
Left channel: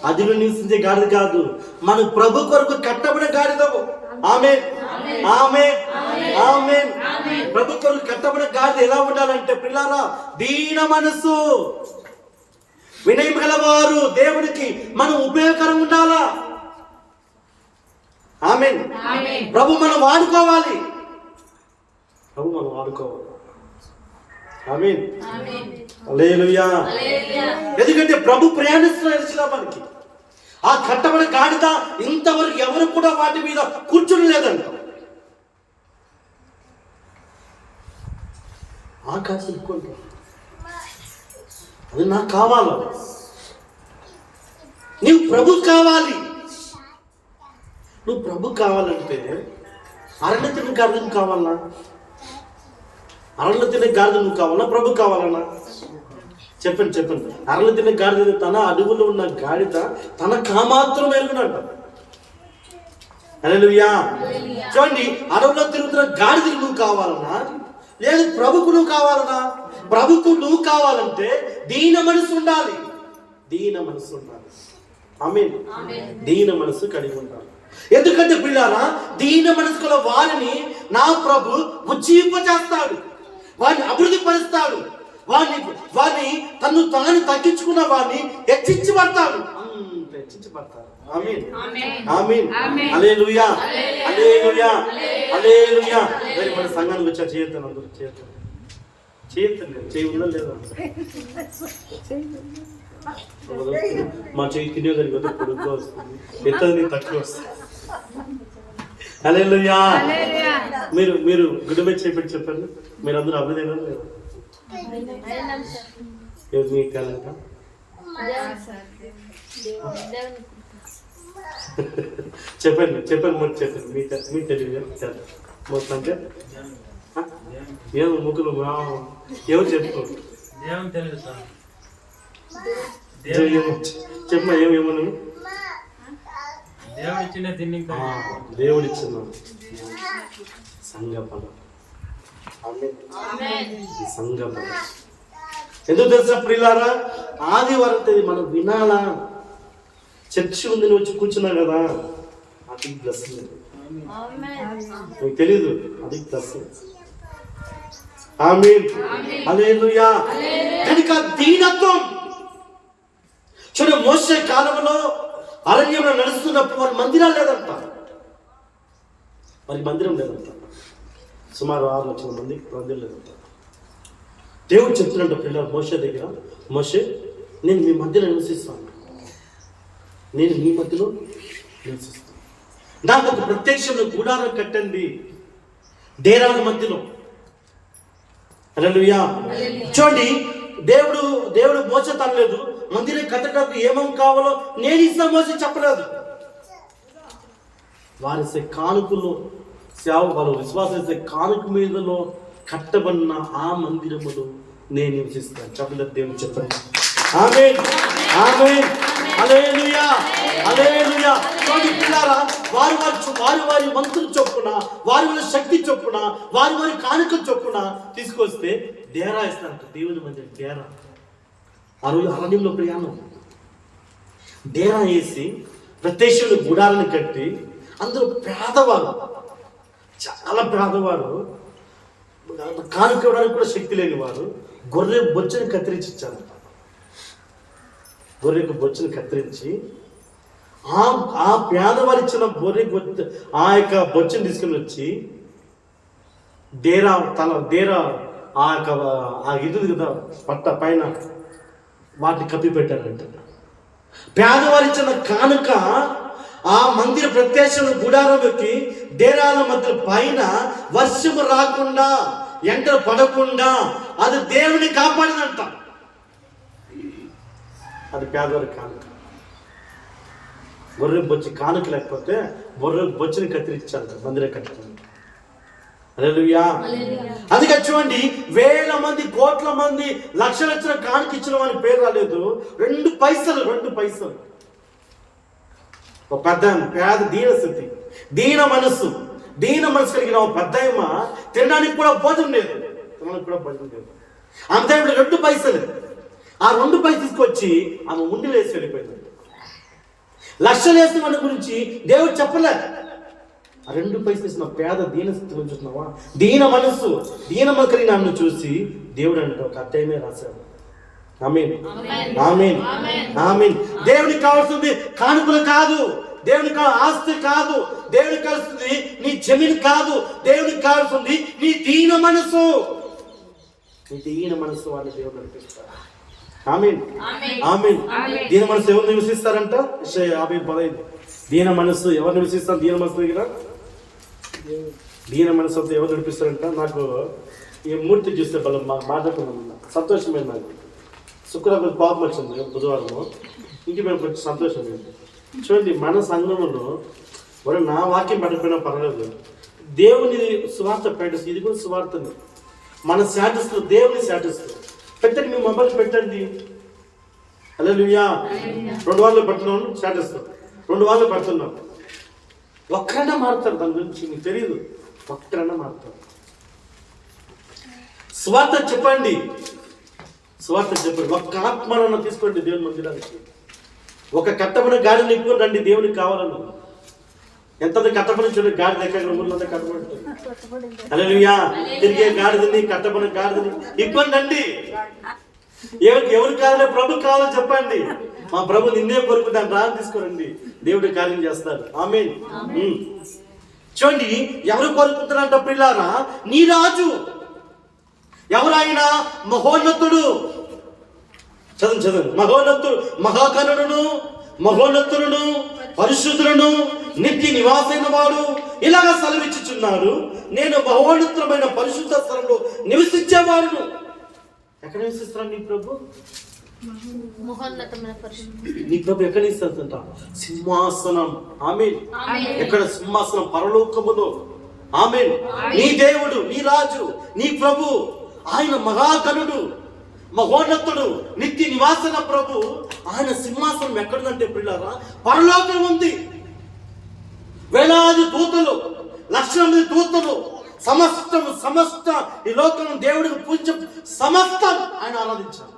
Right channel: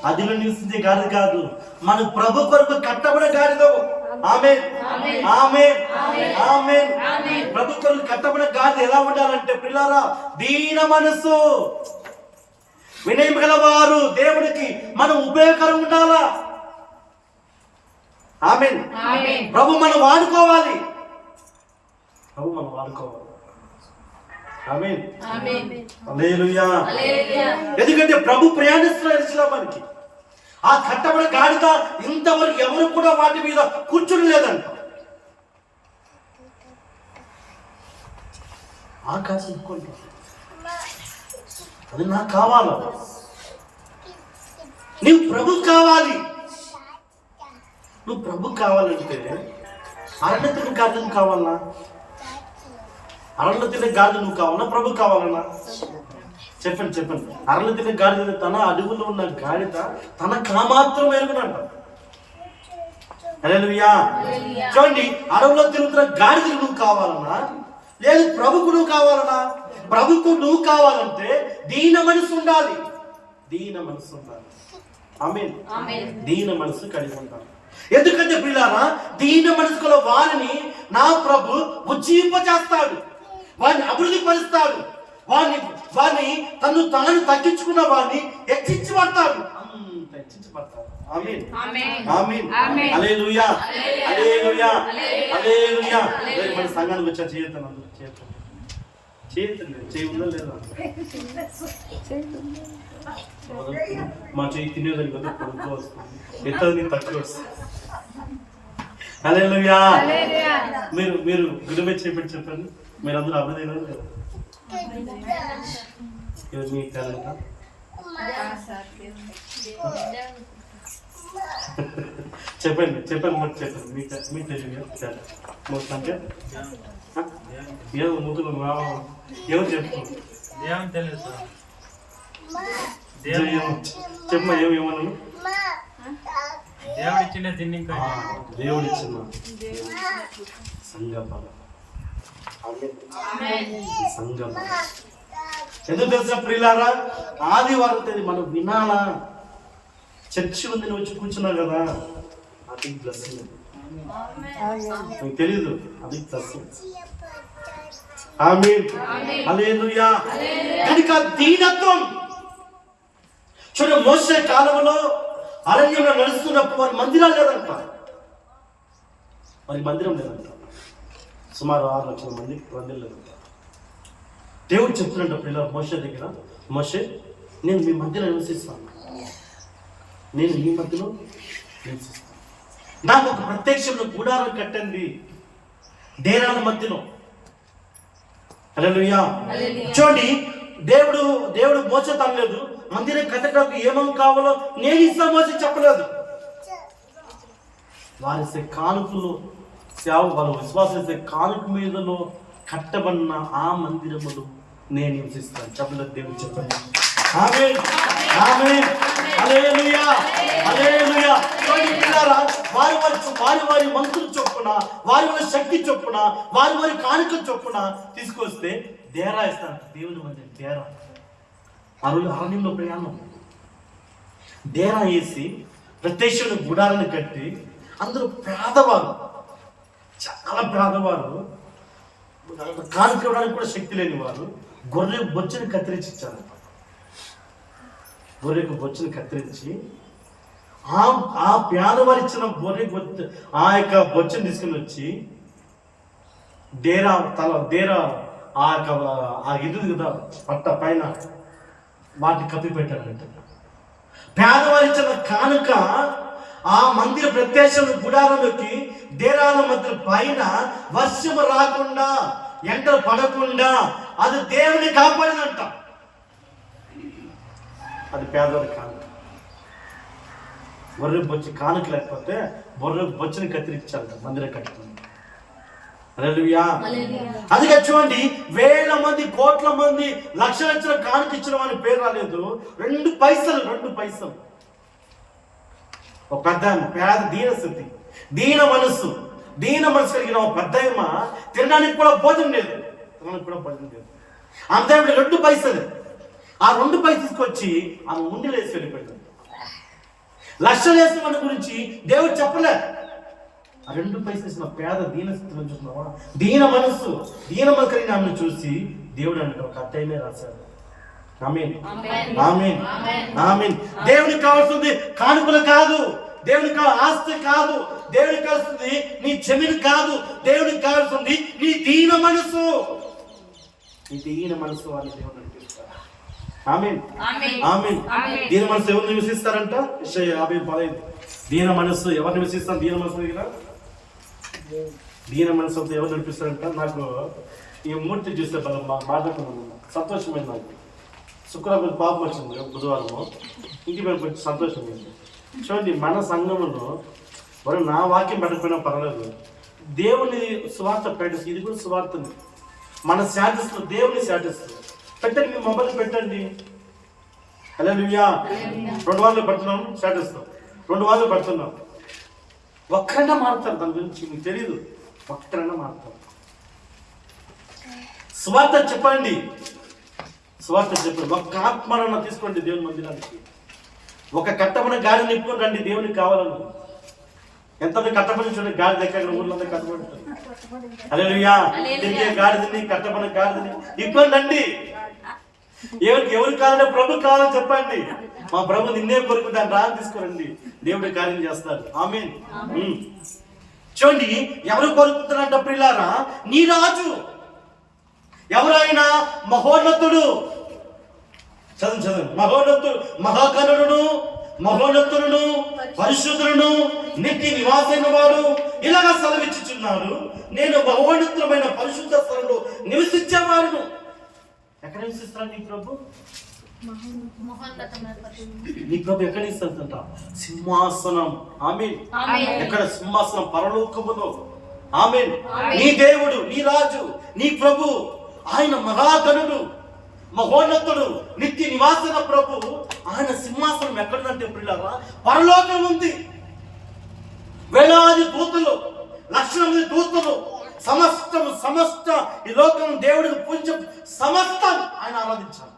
అదిలో నివసించే గాడిద కాదు, మన ప్రభు కొరకు కట్టబడిన గాడిదవు. ఆమేన్, ఆమేన్, ఆమేన్. ప్రభు కొరకు కట్టబడిన గాడిద ఎలా ఉండాలంటే పిల్లారా, దీన మనసు, వినయం గలవారు, దేవునికి మనం ఉపయోగకరం ఉండాలా. ఆమేన్. ప్రభు మనం వాడుకోవాలి. ఆమేన్. హల్లెలూయా. ఎందుకంటే ప్రభు ప్రయాణిస్తున్న మనకి ఆ కట్టబడిన గాడిద ఇంతవరకు ఎవరు కూడా వాటి మీద కూర్చుని లేదంట. ఆకాశం అది నాకు కావాలా? నువ్వు ప్రభు కావాలి. నువ్వు ప్రభు కావాలంటే అరణ్య తిన్న గాడిద నువ్వు కావాలన్నా? అరణ్య తిన్న గాడిద నువ్వు కావాలన్నా? ప్రభు కావాలన్నా? చెప్పండి. అరణ్య తిన్న గాడిద తన అడుగులో ఉన్న గాడిద తన కామాత్రం ఎరుగునంట. హల్లెలూయా. చూడండి, అడవులో తిరుగుతున్న గాడిద నువ్వు కావాలన్నా లేదు ప్రభుకు నువ్వు కావాలన్నా? ప్రభుకు నువ్వు కావాలంటే దీన మనసు ఉండాలి. ఆమేన్. దీన మనసు కలిగి ఉండాలి. ఎందుకంటే పిల్లారా, దీన మనసుకుల వారిని నా ప్రభు ఉజ్జీంపచేస్తాడు, వారిని అభివృద్ధి పరుస్తాడు, వారిని తను తాను తగ్గించుకున్న వారిని హెచ్చించబడతాడు. ఆమేన్, ఆమేన్, హల్లెలూయా, హల్లెలూయా, హల్లెలూయా. మన సంఘానికి వచ్చా చేయొద్దని అందరూ చేయి ఉందా లేదా? మా చేయి తినేదానికి వద్ద పొడుగ్గా వస్తుంది, ఎత్తది తక్కువ వస్తుంది. హల్లెలూయా. మీరు గుడిమే చెప్పండి. మీరు అందరూ అభినందన లేదు. మీ టాలెంట్ చెప్పండి. మరి చెప్పండి మీ తెలివి మోస్ట్ అంటే ఏం ముగ్గురు ఎవరు చెప్పు దేవుని తెలుసు సార్. చెప్పమా ఏమన్నాను దేవుడు ఇచ్చిన తిని దేవుడిచ్చిన సంగపద సంగపద ఎందుకు తెలుసా ప్రియులారా, ఆదివారం తేదీ మనం వినాలా, చర్చి ఉంది వచ్చి కూర్చున్నాం కదా, అది బ్లెస్సింగ్. మీకు తెలీదు, అది బ్లెస్సింగ్. ఆమేన్ హల్లెలూయా. కనుక దీనత్వం చూడండి, మోసే కాలంలో అరణ్యంలో నడుస్తున్నప్పుడు వారి మందిరాలు లేదంట, వారి మందిరం లేదంట, సుమారు 6 లక్షల మంది మందిరం లేదంట. దేవుడు చెప్తున్నట్టు పిల్లలు మోసే దగ్గర, మోసే నేను మీ మధ్యలో నివసిస్తాను, నేను మీ మధ్యలో నివసిస్తాను, నాకు ఒక ప్రత్యక్షంలో గుడారం కట్టండి డేరాల మధ్యలో. హల్లెలూయా. చూడండి, దేవుడు మోస తనలేదు, మందిరం కట్టడానికి ఏమేం కావాలో నేను ఇస్తా మోస చెప్పలేదు. వారిసే కానుకలు వాళ్ళ విశ్వాసం చేసే కానుక మీదలో కట్టబడిన ఆ మందిరములు నేను నివసిస్తాను చెప్పలేదు. దేవుడు చెప్పండి ఆమేన్ ఆమేన్ హల్లెలూయా హల్లెలూయా. చూడండి పిల్లారా, వారి మంత్రులు చొప్పున, వారి శక్తి చొప్పున, వారి కానుకల చొప్పున తీసుకొస్తే డేరా ఇస్తారంట. దేవుని మందిరం డేరా, ఆ రోజు అరణ్యంలో ప్రయాణం, డేరా వేసి ప్రత్యక్షంలో గుడారాన్ని కట్టి, అందరూ పేదవారు, చాలా పేదవారు, కానుక ఇవ్వడానికి కూడా శక్తి లేని వారు గొర్రె బొచ్చని కత్తిరించి ఇచ్చారు. గొర్రెకు బొచ్చని కత్తిరించి ఆ పేదవారు ఇచ్చిన ఆ యొక్క బొచ్చని తీసుకుని వచ్చి డేరా ఆ యొక్క ఇది కదా పట్ట పైన వాటిని కప్పి పెట్టారంట. పేదవారు ఇచ్చిన కానుక ఆ మందిర ప్రత్యక్ష గుడారంలోకి డేరాల మధ్య పైన వర్షము రాకుండా, ఎండలు పడకుండా అది దేవుని కాపాడినంట. అది పేదవారి కానుక. గొర్రె బొచ్చి కానుక లేకపోతే గొర్రె బొచ్చని కత్తిరించాలంట మందిరం కట్టడం. హల్లెలూయా. అందుకే చూడండి, వేల మంది, కోట్ల మంది, లక్షల కానుక ఇచ్చిన వాని పేరు రాలేదు. 2 పైసలు. ఒక పెద్ద పేద దీనస్థితి, దీన మనస్సు కలిగిన ఒక పెద్దమ్మ తినడానికి కూడా భోజనం లేదు. ఆమె దగ్గర 2 పైసలు. ఆ 2 పైసలు తీసుకొచ్చి ఆమె ఉండిలో వేసి వెళ్ళిపోయింది. లక్షలు వేసిన వాడి గురించి దేవుడు చెప్పలే. ఆ 2 పైసలు వేసిన పేద దీనస్థితిని చూస్తున్నావా, దీన మనస్సు కలిగిన ఆమెను చూసి దేవుడు అంటే ఒక అధ్యాయమే రాశాడు. ఆమేన్ ఆమేన్ ఆమేన్. దేవునికి కావాల్సింది కానుకలు కాదు, దేవునికి ఆస్తి కాదు, దేవునికి కావాల్సింది నీ జమీను కాదు, దేవునికి కావాల్సింది నీ దీన మనసు. నీ దీన మనసు వాళ్ళు దేవుడు నడిపిస్తారు. ఆమేన్ ఆమేన్. దీన మనసు ఎవరు నివసిస్తారంట? యెషయా 50:15. దీన మనసు ఎవరు నివసిస్తారు? దీన మనసు దగ్గర దీన మనసు ఎవరు నడిపిస్తారంట? నాకు ఈ మూర్తి చూస్తే బలం మాట్లాడుతున్నాను, సంతోషమైంది. నాకు శుక్రవారం పాపం వచ్చింది, బుధవారము ఇంటికి మేము కొంచెం సంతోషమైంది. చూడండి, మన సంఘంలో మరి నా వాక్యం పెట్టకపోయినా పర్వాలేదు, దేవుని సువార్త పెట్టేసి, ఇది కూడా సువార్తని మన శాటిస్తూ, దేవుని శాటిస్తూ పెట్టండి. మీ మొబైల్ పెట్టండి. హల్లెలూయా. 2 వారాలు పెడుతున్నాం, శాటిస్తాం 2 వారాలు పెడుతున్నాం. ఒక్కరైనా మారుతారు, దాని గురించి మీకు తెలియదు, ఒక్కరైనా మారుతారు. సువార్త చెప్పండి. ఒక్క ఆత్మను తీసుకోండి దేవుని మందిరానికి. ఒక కట్టబడిన గాడిని నింపుకొని రండి, దేవునికి కావాలను. ఎంత కట్టబడి చూడండి, గాడి దగ్గర ఊర్లో కట్టబడి ఉంటుంది. హల్లెలూయా. తిరిగే గాడిదని, కట్టబడిన గాడిదని ఇబ్బంది రండి. ఎవరు కావాలో ప్రభు కావాలని చెప్పండి. మా ప్రభు నిన్నే కోరుకుంటాను, రాని తీసుకురండి, దేవుడి కార్యం చేస్తారు. ఆమేన్. చూడండి, ఎవరు కోరుకుంటారంట ప్రియులారా? నీ రాజు ఎవరైనా మహోన్నతుడు. చదువు మహోన్నతుడు, మహోన్నతులను పరిశుద్ధులను నిత్య నివాసైన వాడు ఇలాగ సెలవిచ్చుచున్నాడు, నేను మహోన్నతమైన పరిశుద్ధ స్థలంలో నివసించేవాడును. ఎక్కడ నివసిస్తున్నాడు నీ ప్రభు? నీ ప్రభు ఎక్కడ నివసిస్తుంట? సింహాసనం. ఆమేన్. ఎక్కడ? సింహాసనం, పరలోకములో. ఆమేన్. నీ దేవుడు, నీ రాజు, నీ ప్రభు, ఆయన మహాగణుడు, మహోన్నతుడు, నిత్య నివాసన ప్రభు. ఆయన సింహాసనం ఎక్కడుందంటే ప్రియులారా, పరలోకం ఉంది. వేలాది దూతలు, లక్షల మంది దూతలు, సమస్త ఈ లోకం దేవుడికి పూజ సమస్తం ఆయన ఆరాధించాలి.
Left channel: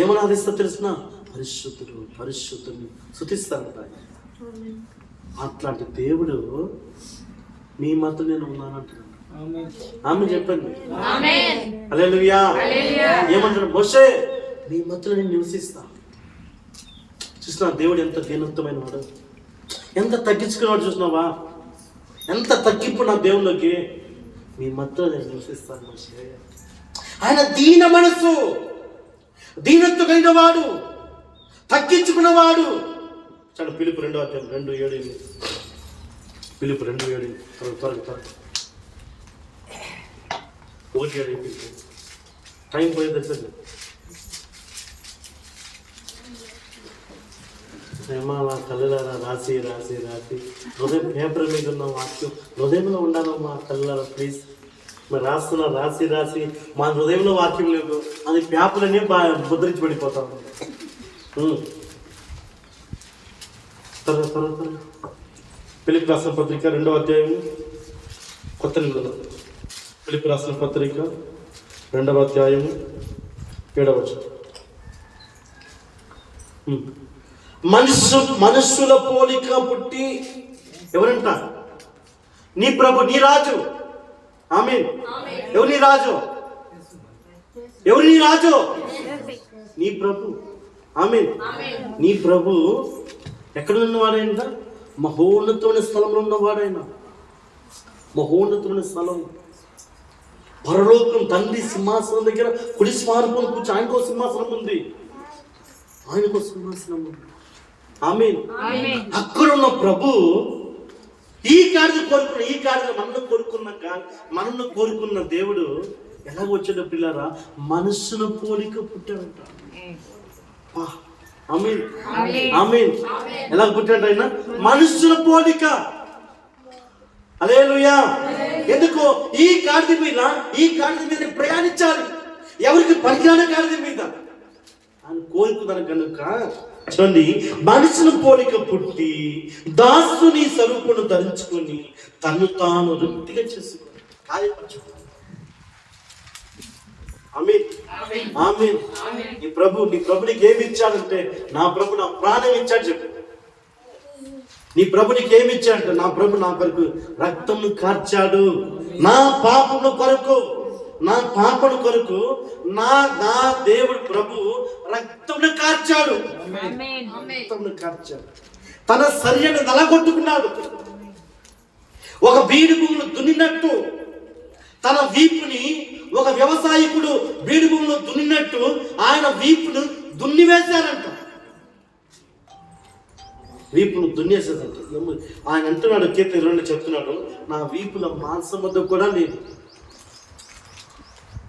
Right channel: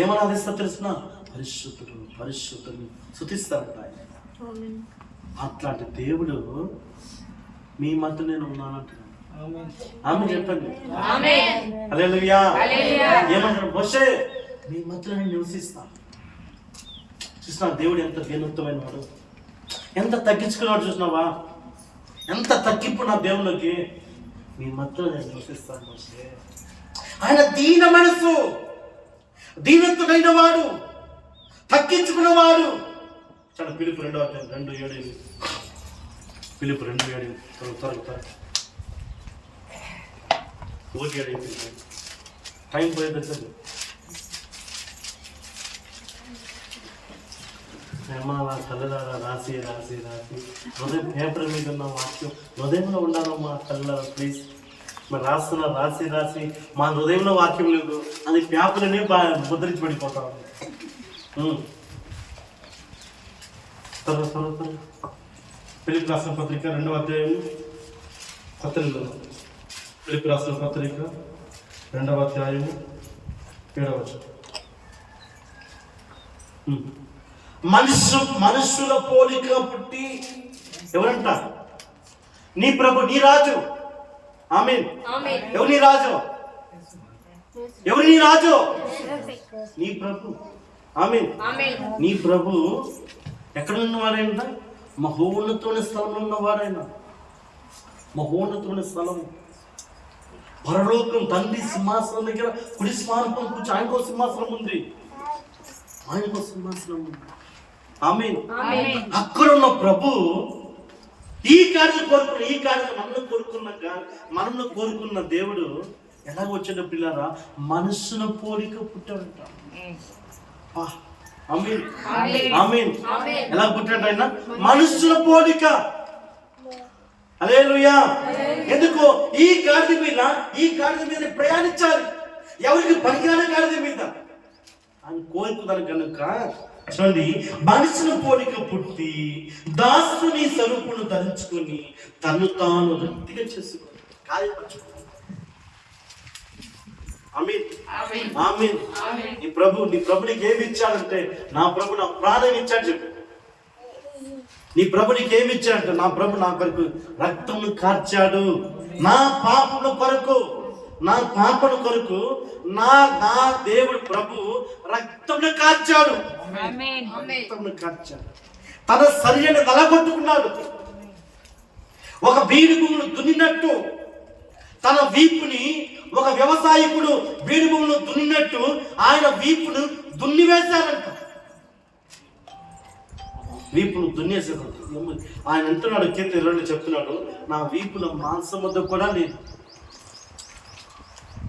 ఏమని ఆరాధిస్తా తెలుసునా? పరిశుద్ధుడు, పరిశుద్ధుని స్తుతిస్తారంట ఆయన. అట్లాంటి దేవుడు మీ మధ్య నేను ఉన్నానంటున్నాడు. ఆమె చెప్పండి హల్లెలూయా. ఏమంటాడు? మోషే మీ మధ్యలో నేను నివసిస్తా. చూసినా దేవుడు ఎంత దీనత్వమైన వాడు, ఎంత తగ్గించుకున్నాడు. చూసినావా ఎంత తగ్గింపు నా దేవుళ్ళకి. మీ మధ్యలో నేను నివసిస్తాను మోషే. ఆయన దీన మనసు, దీనత్వమైన వాడు, తగ్గించుకున్నవాడు. చాలా పిలుపు 2:2-7. పిలుపు 2:7 త్వరగా 1:7 టైం పోయేది సార్. అలా కళ్ళలారా రాసి రాసి రాసి హృదయం పేపర్ మీద ఉన్న వాక్యం హృదయంలో ఉండాలమ్మా కళ్ళలారా ప్లీజ్. మరి రాసి రాసి మా హృదయంలో వాక్యం లేదు, అది పేపర్నే ముద్రించి పడిపోతా ఉంది. త్వరగా ఫిలిప్పీ రాసిన పత్రిక 2వ అధ్యాయము, కొత్త నిబంధన. ఫిలిప్పీ రాసిన పత్రిక 2వ అధ్యాయము 7వ వచనం. మనుషుల పోలిక పుట్టి ఎవరంట? నీ ప్రభు, నీ రాజు. ఆమేన్. ఎవరు నీ రాజు? ఎవరు నీ రాజు? నీ ప్రభు. ఆమేన్. నీ ప్రభు ఎక్కడ ఉన్నవాడైనా? మహోన్నతమైన స్థలంలో ఉన్నవాడైనా. మహోన్నతమైన స్థలం, పరలోకం, తండ్రి సింహాసనం దగ్గర కుడి సింహాసనం కూర్చొని ఆయనకో సింహాసనం ఉంది, ఆయనకో సింహాసనం ఉంది. ఆమేన్. అక్కడ ఉన్న ప్రభు ఈ కార్యం మనల్ని కోరుకున్న దేవుడు ఎలాగ వచ్చాడు పిల్లారా? మనుషుల పోలిక పుట్టాడంట. ఆమేన్, ఆమేన్. ఎలా పుట్టాడు ఆయన? మనుషుల పోలిక. హల్లెలూయా. ఎందుకో ఈ గాడిద మీద ప్రయాణించాలి. ఎవరికి పనికిరాని గాడిద మీద ఆయన కోరుకున్నాను కనుక చూడండి, మనుషుల పోలిక పుట్టి దాసుని స్వరూపును ధరించుకొని తను తాను వృత్తిగా చేసుకొని కార్యపరచు. ఆమేన్, ఆమేన్. నీ ప్రభు నీకు ఏమి ఇచ్చాడంటే, నా ప్రభు నా ప్రాణం ఇచ్చాడు చెప్పు. నీ ప్రభు నీకు ఏమి ఇచ్చాడంటే, నా ప్రభు నా కొరకు రక్తమును కార్చాడు, నా పాపము కొరకు, నా పాపను కొరకు నా దేవుడు ప్రభు రక్తమును కార్చాడు. రక్తమును కార్చాడు. తన శరీరాన్ని నలగొట్టుకున్నాడు. ఒక బీడు భూములు దున్నినట్టు తన వీపుని, ఒక వ్యవసాయకుడు బీడు భూములు దున్నినట్టు ఆయన వీపును దున్నివేశాడంట. వీపును దున్నేసేదంట. ఆయన అంటున్నాడు, కీర్తన 2 చెప్తున్నాడు, నా వీపుల మాంసం వద్ద కూడా లేదు.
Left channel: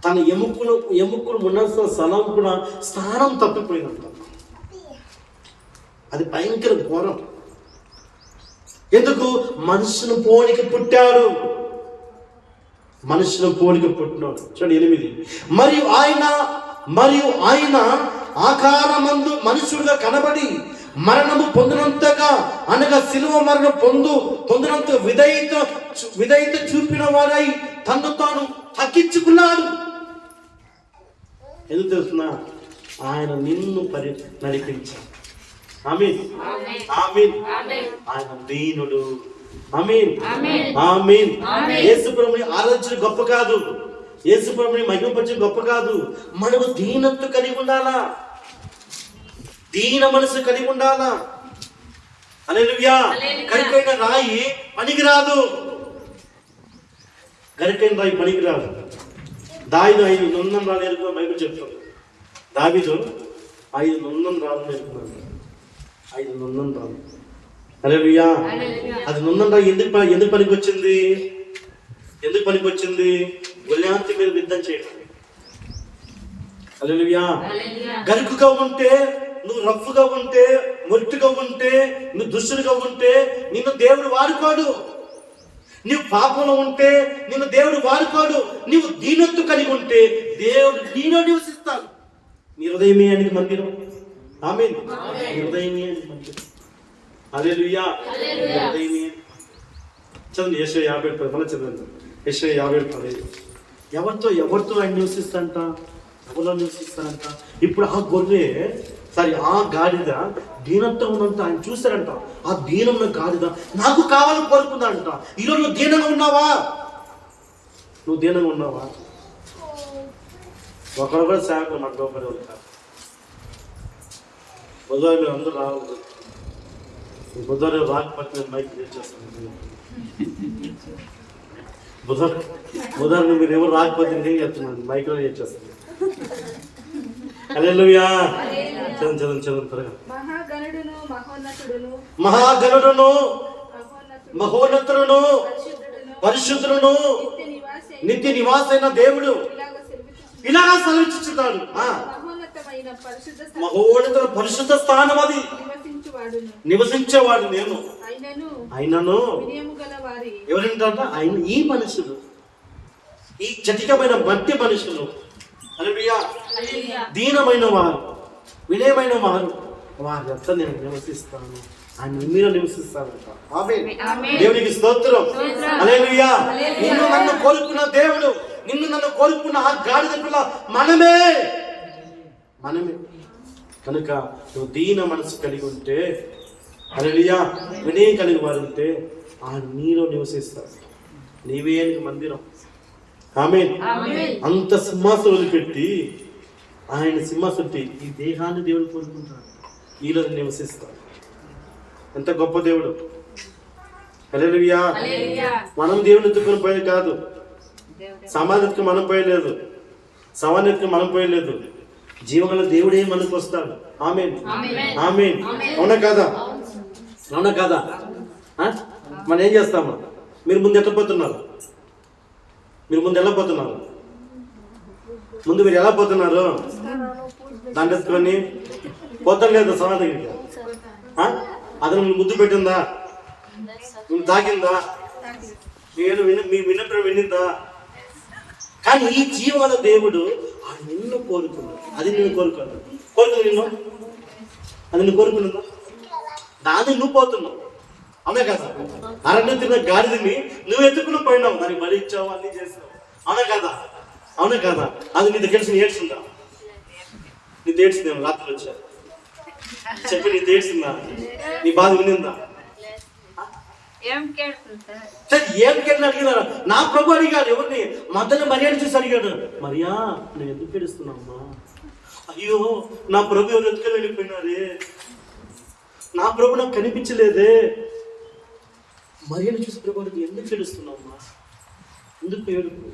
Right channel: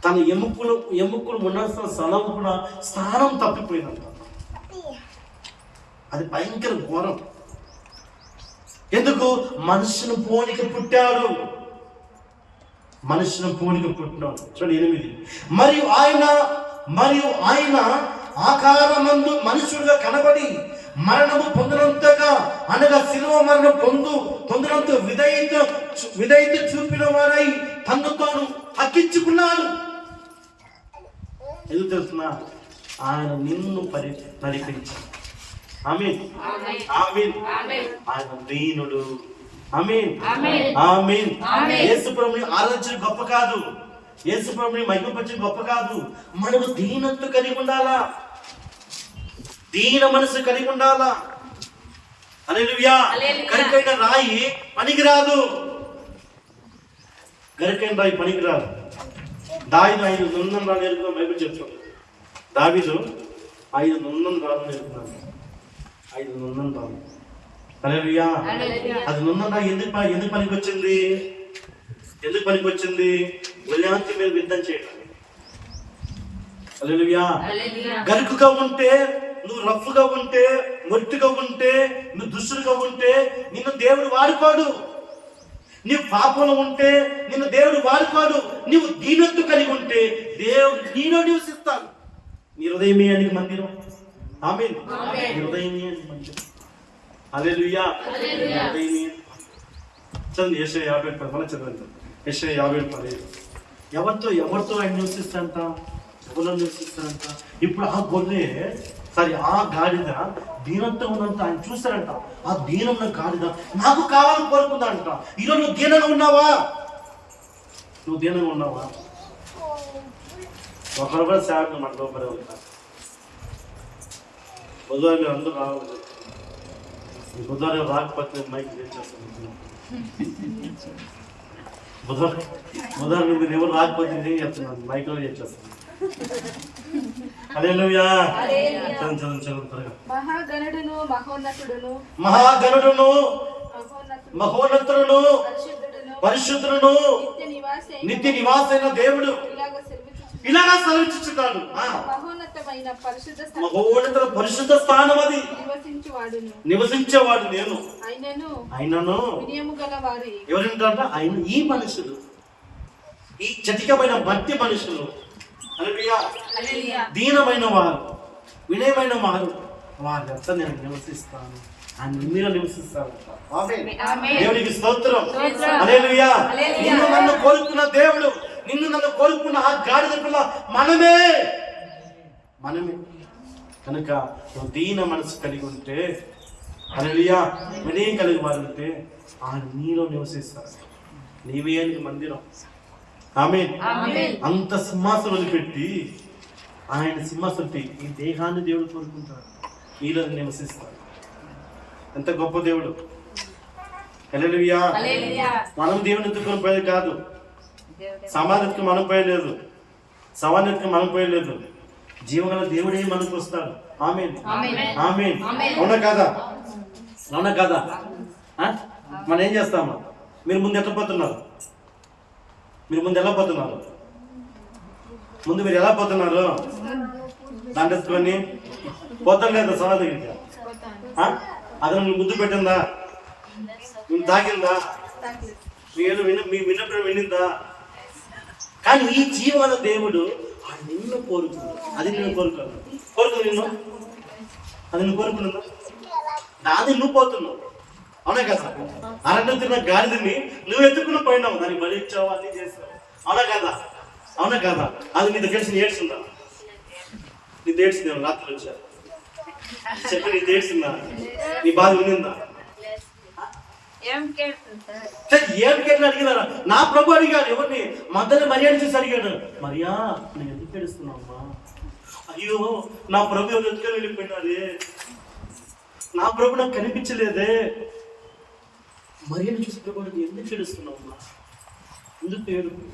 తన ఎముకలు ఉండాల్సిన స్థలం కూడా స్థానం తప్పిపోయినంత. అది భయంకర ఘోరం. ఎందుకు? మనుషుని పోలిక పుట్టాడు. మనుషుని పోలిక పుట్టినాడు. చూడండి 8. మరియు ఆయన ఆకారమందు మనుషుడుగా కనబడి మరణము పొందినంతగా, అనగా శిలువ మరణం పొందినంత విధేయత చూపిన వాడై తను తాను తగ్గించుకున్నాడు. ఎందుకు తెలుస్తున్నా? ఆయన నిన్ను నడిపించాడు. ఆమేన్, ఆమేన్. ఆయన దీనుడు. ఆమేన్, ఆమేన్. యేసు ప్రభుని ఆరాధించడం గొప్ప కాదు, యేసు ప్రభుని మహిమపరచడం గొప్ప కాదు. మనము దీనత్వం కలిగి ఉండాలా, దీన మనసు కలిగి ఉండాలా. హల్లెలూయా. గరికైన రాయి పనికిరాదు. గరికైన రాయి పనికిరాదు. దావీదు 5 నున్నని రాళ్ళు ఎరుకున్నా బైబిల్ చెప్తాడు. దావీదు 5 నున్నని రాళ్ళు ఎరుకున్నాడు. 5 నున్నని రాళ్ళు. హల్లెలూయా. అది నున్నని రాయి ఎందుకు పనికి వచ్చింది? ఎందుకు పనికి వచ్చింది? గొల్యాతు మీద యుద్ధం చేయడం. హల్లెలూయా. గరుకుగా ఉంటే, నువ్వు రఫ్గా ఉంటే మొట్టుగా ఉంటే, నువ్వు దుష్టుడుగా ఉంటే నిన్ను దేవుడు వాడుకోడు. నీవు పాపంలో ఉంటే నిన్ను దేవుడు వాడుకోడు. నీవు దీనత్వం కలిగి ఉంటే దేవుడు నీలో నివసిస్తాడు. నీ హృదయమే అని మందిరం. ఆమేన్. నీ హృదయమే అని మందిరం. హల్లెలూయా. నీ హృదయమే. చదువు యెషయా 50 మన చదవండి. యెషయా 50 ఎవరితో ఆయన నివసిస్తాడంట? ఎవరిలో నివసిస్తాడంట? ఇప్పుడు ఆ గొర్రె ఆ గాడిద దీనంతో ఉన్నంత ఆయన చూశారంట. ఆ దీనమైన గాడిద నాకు కావాలని కోరుకుందంట. ఈరోజు నువ్వు దీనంగా ఉన్నావా? నువ్వు దీనంగా ఉన్నావా? ఒకరు కూడా సేవకులు మన లోపలే ఉంటారు. బుధవారం మీరు అందరూ రావాలి. బుధవారం రాకపోతే నేను మైక్ చేస్తాను. బుధవారం మీరు ఎవరు రాకపోతే నేను చెప్తున్నాను, మైక్లో చేస్తాను. హల్లెలూయా. చదువు త్వరగా. మహాగణుడును మహోన్నతుడును పరిశుద్ధుడును నిత్య నివాసైన దేవుడు ఇలాగా సెలవిచ్చుచున్నాడు. మహోన్నత పరిశుద్ధ స్థానం అది నివసించేవాడు నేను. ఆయనను ఎవరింటారంట? ఆయన ఈ మనుషులు, ఈ చటికమైన మట్టి మనుషులు, దీనమైన వారు, వినయమైన వారు, వారి అంతా నేను నివసిస్తాను. ఆయన మీరు నివసిస్తారంట. దేవునికి స్తోత్రం. హల్లెలూయా. నిన్ను నన్ను కోరుకున్న దేవుడు, నిన్ను నన్ను కోరుకున్న ఆ గాడిద పిల్ల మనమే. కనుక నువ్వు దీన మనసు కలిగి ఉంటే, హల్లెలూయా, వినయం కలిగి వారు ఉంటే ఆయన నీలో నివసిస్తారు. నీవే మందిరం. ఆమేన్. అంత సింహాసనం వదిలిపెట్టి ఆయన సింహాసనం ఈ దేహాన్ని దేవుడు కోరుకుంటాడు, నీలో నివసిస్తాడు. ఎంత గొప్ప దేవుడు. హల్లెలూయా. మనం దేవుని ఎత్తుకొని పోయేది కాదు. సమాధికి మనం పోయలేదు, సమాధికి మనం పోయలేదు. జీవగల దేవుడే మనకు వస్తాడు. ఆమేన్. ఆమేన్. అవునా కాదా? అవునా కాదా? మనం ఏం చేస్తామా? మీరు ముందు వెళ్ళిపోతున్నారు. ముందు మీరు ఎలా పోతున్నారు? దండెత్తుకొని పోతాం లేదా సోనా దగ్గరికి? అది నువ్వు ముద్దు పెట్టిందా? నువ్వు తాకిందా? మీ విన్నప్పుడు వినిందా? కానీ ఈ జీవన దేవుడు ఆయన నిన్ను కోరుకున్నాడు. అది నేను కోరుకున్నాను. నిన్ను అది నువ్వు కోరుకున్నదా? దాన్ని నువ్వు పోతున్నావు. అవునా కదా? అరణ్యం తిన్న గాడిదని నువ్వు ఎత్తుకుని పోయినావు, దానికి బలి ఇచ్చావు, అన్ని చేసావు. అవునా కదా? అవునా కదా? అది నీ దగ్గర ఏడ్చిందా? నీ ఏడ్చింది రాత్రి వచ్చా చెప్పి నీ ఏడ్చిందా? నీ బాధ వినిందా? ఏం కేట్లు అడిగినారా? నా ప్రభు అడిగాడు. ఎవరిని? మధ్యలో మర్యాద చూసి అడిగాడు. మరియా, నువ్వు ఎందుకు ఏడుస్తున్నావమ్మా? అయ్యో, నా ప్రభు ఎవరు ఎత్తుకొని వెళ్ళిపోయినారే, నా ప్రభు నాకు కనిపించలేదే. మర్యాద చూసి ప్రభు ఎందుకు ఏడుస్తున్నావమ్మా? ఎందుకు ఏడుపు?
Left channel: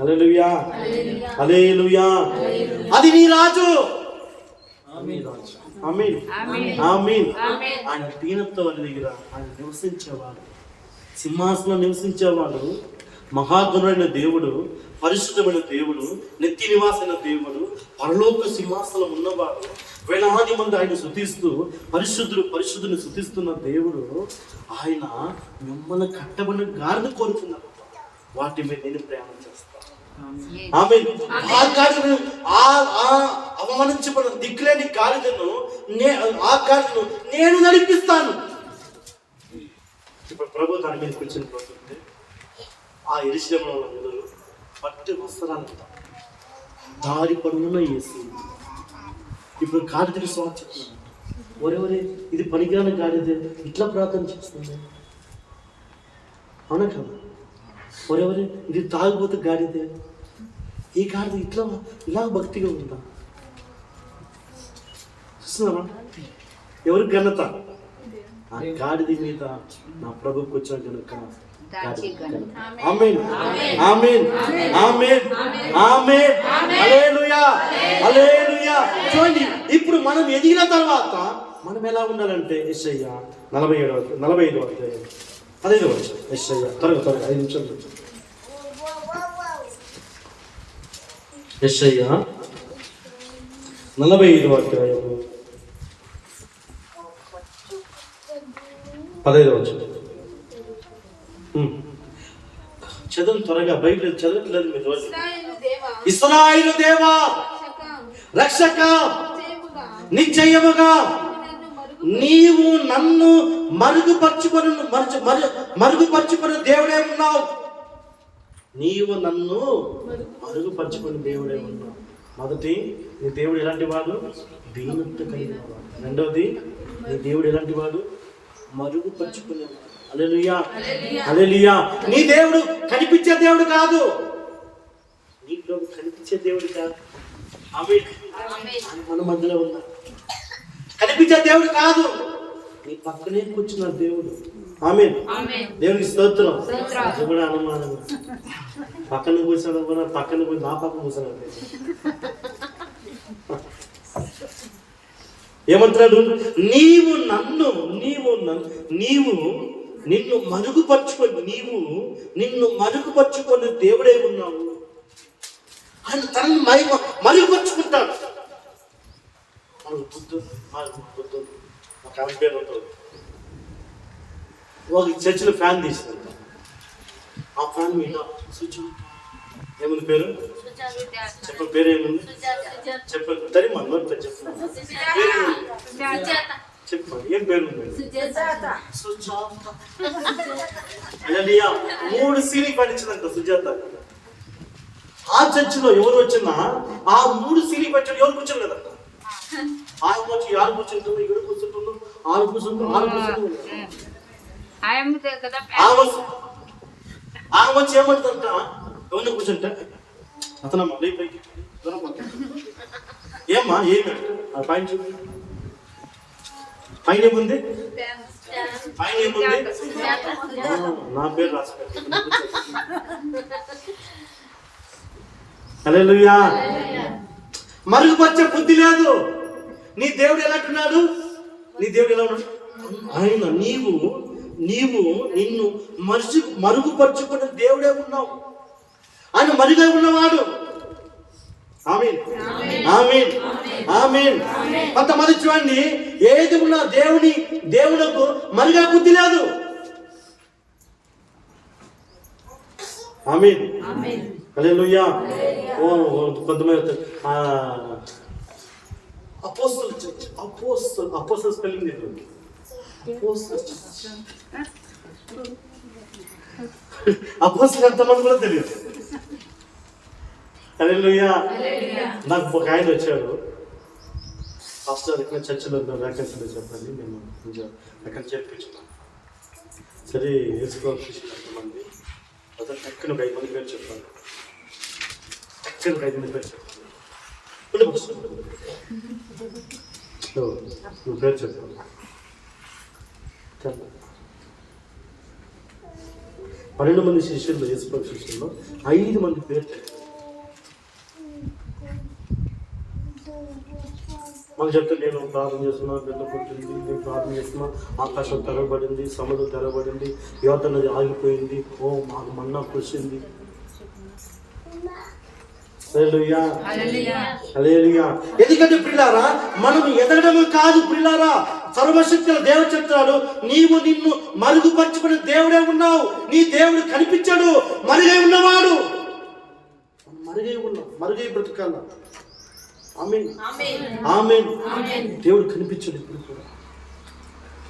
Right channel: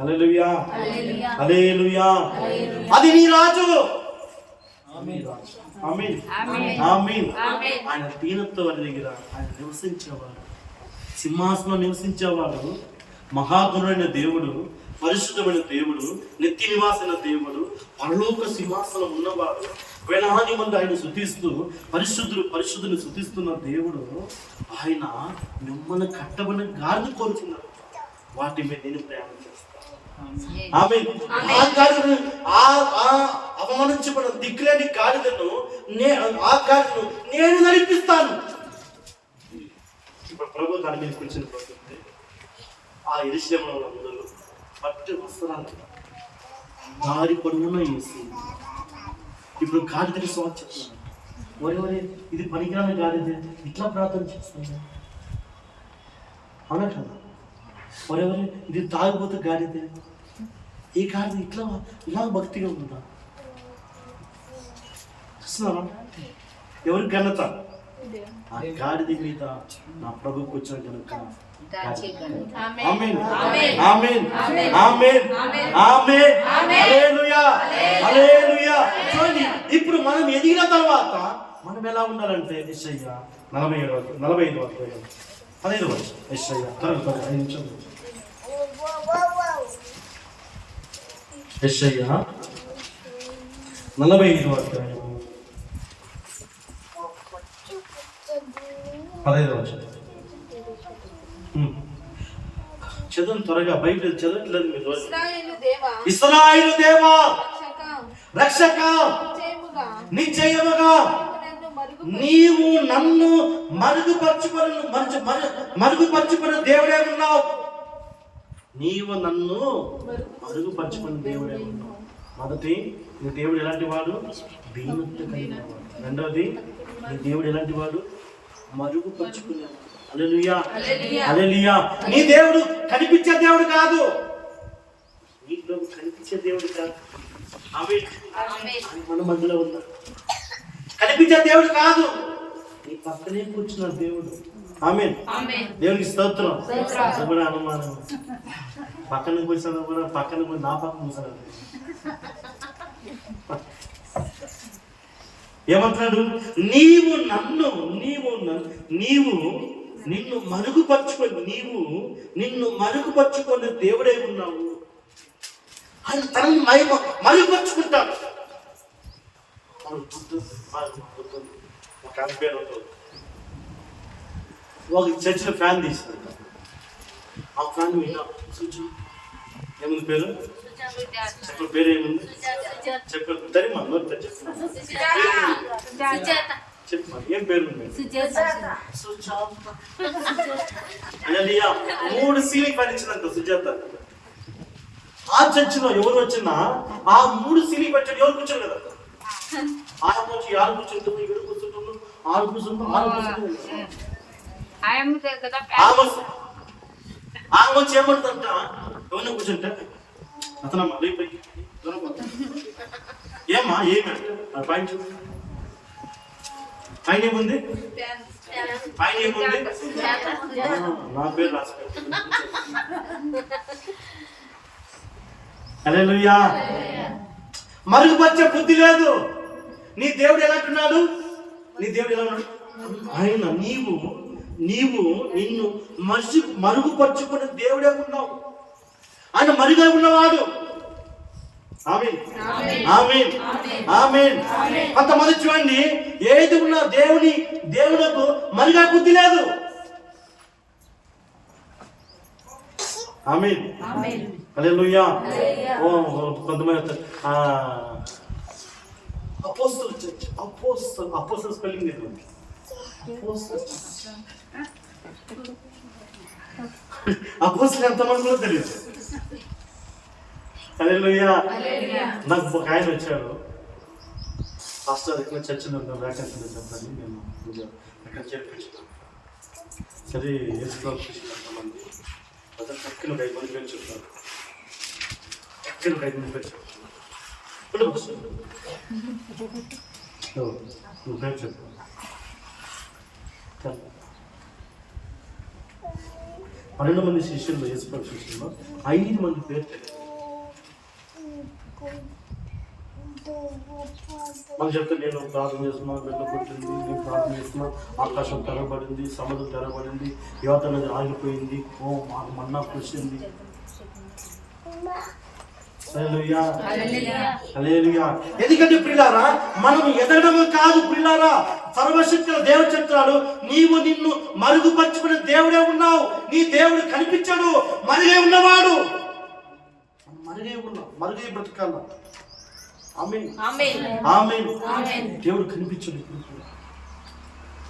హల్లెలూయా. హల్లెలూయా. అది నీ రాజు. ఆయన దీనత్వం దగ్గర ఆయన నివసించేవాడు, సింహాసనం నివసించేవాడు, మహాగుణుడైన దేవుడు, పరిశుద్ధమైన దేవుడు, నిత్య నివాసైన దేవుడు, పరలోక సింహాసనం ఉన్నవాడు, వేలాది మంది ఆయన స్తుతిస్తూ పరిశుద్ధుని స్తుతిస్తున్న దేవుడు. ఆయన మిమ్మల్ని కట్టబడిన గాడిద కోరుకున్నాడు. వాటి మీద నేను ప్రయాణం చేస్తాను. అవమానించబడిన దిక్కులేని గాడిదను నేను నడిపిస్తాను. ఇప్పుడు ప్రభు దాని మీద కూర్చుని పోతుంటే ఆ యెరూషలేములో అందరూ పట్టు వస్త్రాలు దారి పొడవున వేసి ఇప్పుడు గాడిదకి స్వాగతం చెప్తున్నారు. ఒరే, ఇది పనికిరాని గాడిదే, ఇట్లా ప్రార్థన చేస్తుంది. అవునా కదా? ఒరే, ఇది తాగిపోతే గాడిదే, ఈ గాడిద ఇలా భక్తిగా ఉందా? చూస్తున్నారా? ఎవరి ఘనత? ఆ గాడిద మీద నా ప్రభువుకు వచ్చిన కనుక. ఆమేన్. ఆమేన్. ఆమేన్. ఆమేన్. హల్లెలూయా. హల్లెలూయా. చూడండి, ఇప్పుడు మనం ఎదిగిన తర్వాత మనం ఎలా ఉండాలంటే యెషయా 45వ అధ్యాయం 15వ వచనం. యెషయా త్వరగా 5 నిమిషాలు. యెషయా 45వ అధ్యాయం 15వ వచనం. చదువు త్వరగా, బయట చదవట్లేదు మీరు రోజు. ఇశ్రాయేలు దేవా రక్షక నిశ్చయముగా నీవు నన్ను మరుగుపరుచుకుని దేవుడే ఉన్నావు. నీవు నన్ను మరుగుపరుచుకుని దేవుడే ఉన్నావు. మొదటి, నీ దేవుడు ఎలాంటి వాడు? దీనత్వ కలిగిన వాడు. రెండవది, నీ దేవుడు ఎలాంటి వాడు? మరుగుపరుచుకునేవాడు. హల్లెలూయా, హల్లెలూయా. నీ దేవుడు కనిపించే దేవుడు కాదు. నీలో కనిపించే దేవుడు కాదు. ఆమేన్. మన మధ్యలో ఉన్నా కనిపించే దేవుడు కాదు, నీ పక్కనే కూర్చున్న దేవుడు. ఆమేన్. దేవునికి స్తోత్రం. అది కూడా అనుమానం. పక్కన కూర్చున్నా కూడా పక్కన నా పక్కన కూర్చున్నాడు. ఏమంటున్నాడు? నిన్ను మరుగుపరుచుకొని దేవుడే ఉన్నావు. ఆయన తనని మరుగుపరుచుకుంటాడు. ఒక పేరు ఉంటుంది. ఒక చర్చిలో ఫ్యాన్ తీసిందంట. ఆ ఫ్యాన్ మీద ఏముంది పేరు? చెప్ప పేరు ఏముంది? చెప్పండి. తరిమా నోట్ చెప్పు. చెప్పు ఏం పేరు ఉంది? హల్లెలూయా. 3 సీలింగ్ ఫ్యాన్ ఇచ్చిందంట సుజాత. ఆ చర్చిలో ఎవరు వచ్చినా ఆ 3 సీలింగ్ ఫ్యాన్ ఎవరు కూర్చోరు కదా. ఆయన వచ్చి యారు కూర్చుంటుంది, ఇక్కడ కూర్చుంటుంది, ఆరు కూర్చుంటుంది, ఆమె వచ్చి ఏమంటుందంట, ఎవరిని కూర్చుంటే అతనమ్మా ఏమ్మా ఏమంట పైన చూడు. పైన ఏముంది? పైన ఏముంది? నా పేరు రాసి పెట్టు. హల్లెలూయా. మరుగుపరిచే బుద్ధి లేదు. నీ దేవుడు ఎలా అంటున్నాడు? నీ దేవుడు ఎలా ఉన్నాడు? ఆయన నీవు నిన్ను మరుగుపరుచుకునే దేవుడే ఉన్నావు. ఆయన మరుగా ఉన్నవాడు. ఆమేన్, ఆమేన్, ఆమేన్. కొంతమంది చూడండి, ఏది ఉన్నా దేవునకు మరుగా బుద్ధి లేదు. ఆమేన్, హల్లెలూయా. కొంతమంది అపోస్తల చర్చ్, అపోస్తల స్పెల్లింగ్ లేదు. అపోస్తలు ఎంతమంది కూడా తెలియదు. హల్లెలూయా. నాకు ఒక ఆయన వచ్చాడు, పాస్టర్ ఇక్కడ చర్చిలో వ్యాకెన్సీలో చెప్పండి, నేను అక్కడ చేర్పించాను. సరే యేసుప్రభు శిష్యులు ఎంతమంది? అతను టక్కున 5 మంది పేరు చెప్పాను. టక్కున 5 మంది పేరు చెప్పాను. నువ్వు పేరు చెప్పాను. 12 మంది శిష్యుల్లో, యేసుప్రభు శిష్యుల్లో 5 మంది పేరు తెలియదు. మనం చెప్తే, నేను ప్రార్థన చేస్తున్నా, బిడ్డ పుట్టింది, నేను ప్రార్థన చేస్తున్నా, ఆకాశం తెరవబడింది, సముద్రం తెరవబడింది, యువత నది ఆగిపోయింది, ఓ మాకు మన్నా కురిసింది. హల్లెలూయా, హల్లెలూయా. ఎందుకంటే ప్రియులారా, మనం ఎదగడము కాదు ప్రియులారా. సర్వశక్తుల దేవుడు చెప్తున్నాడు, నిన్ను మరుగుపరుచుకునే దేవుడే ఉన్నావు. నీ దేవుడు కనిపించాడు, మరుగై ఉన్నవాడు. మరుగై బ్రతకాల. ఆమేన్, ఆమేన్. దేవుడు కనిపించాడు ఇప్పుడు కూడా.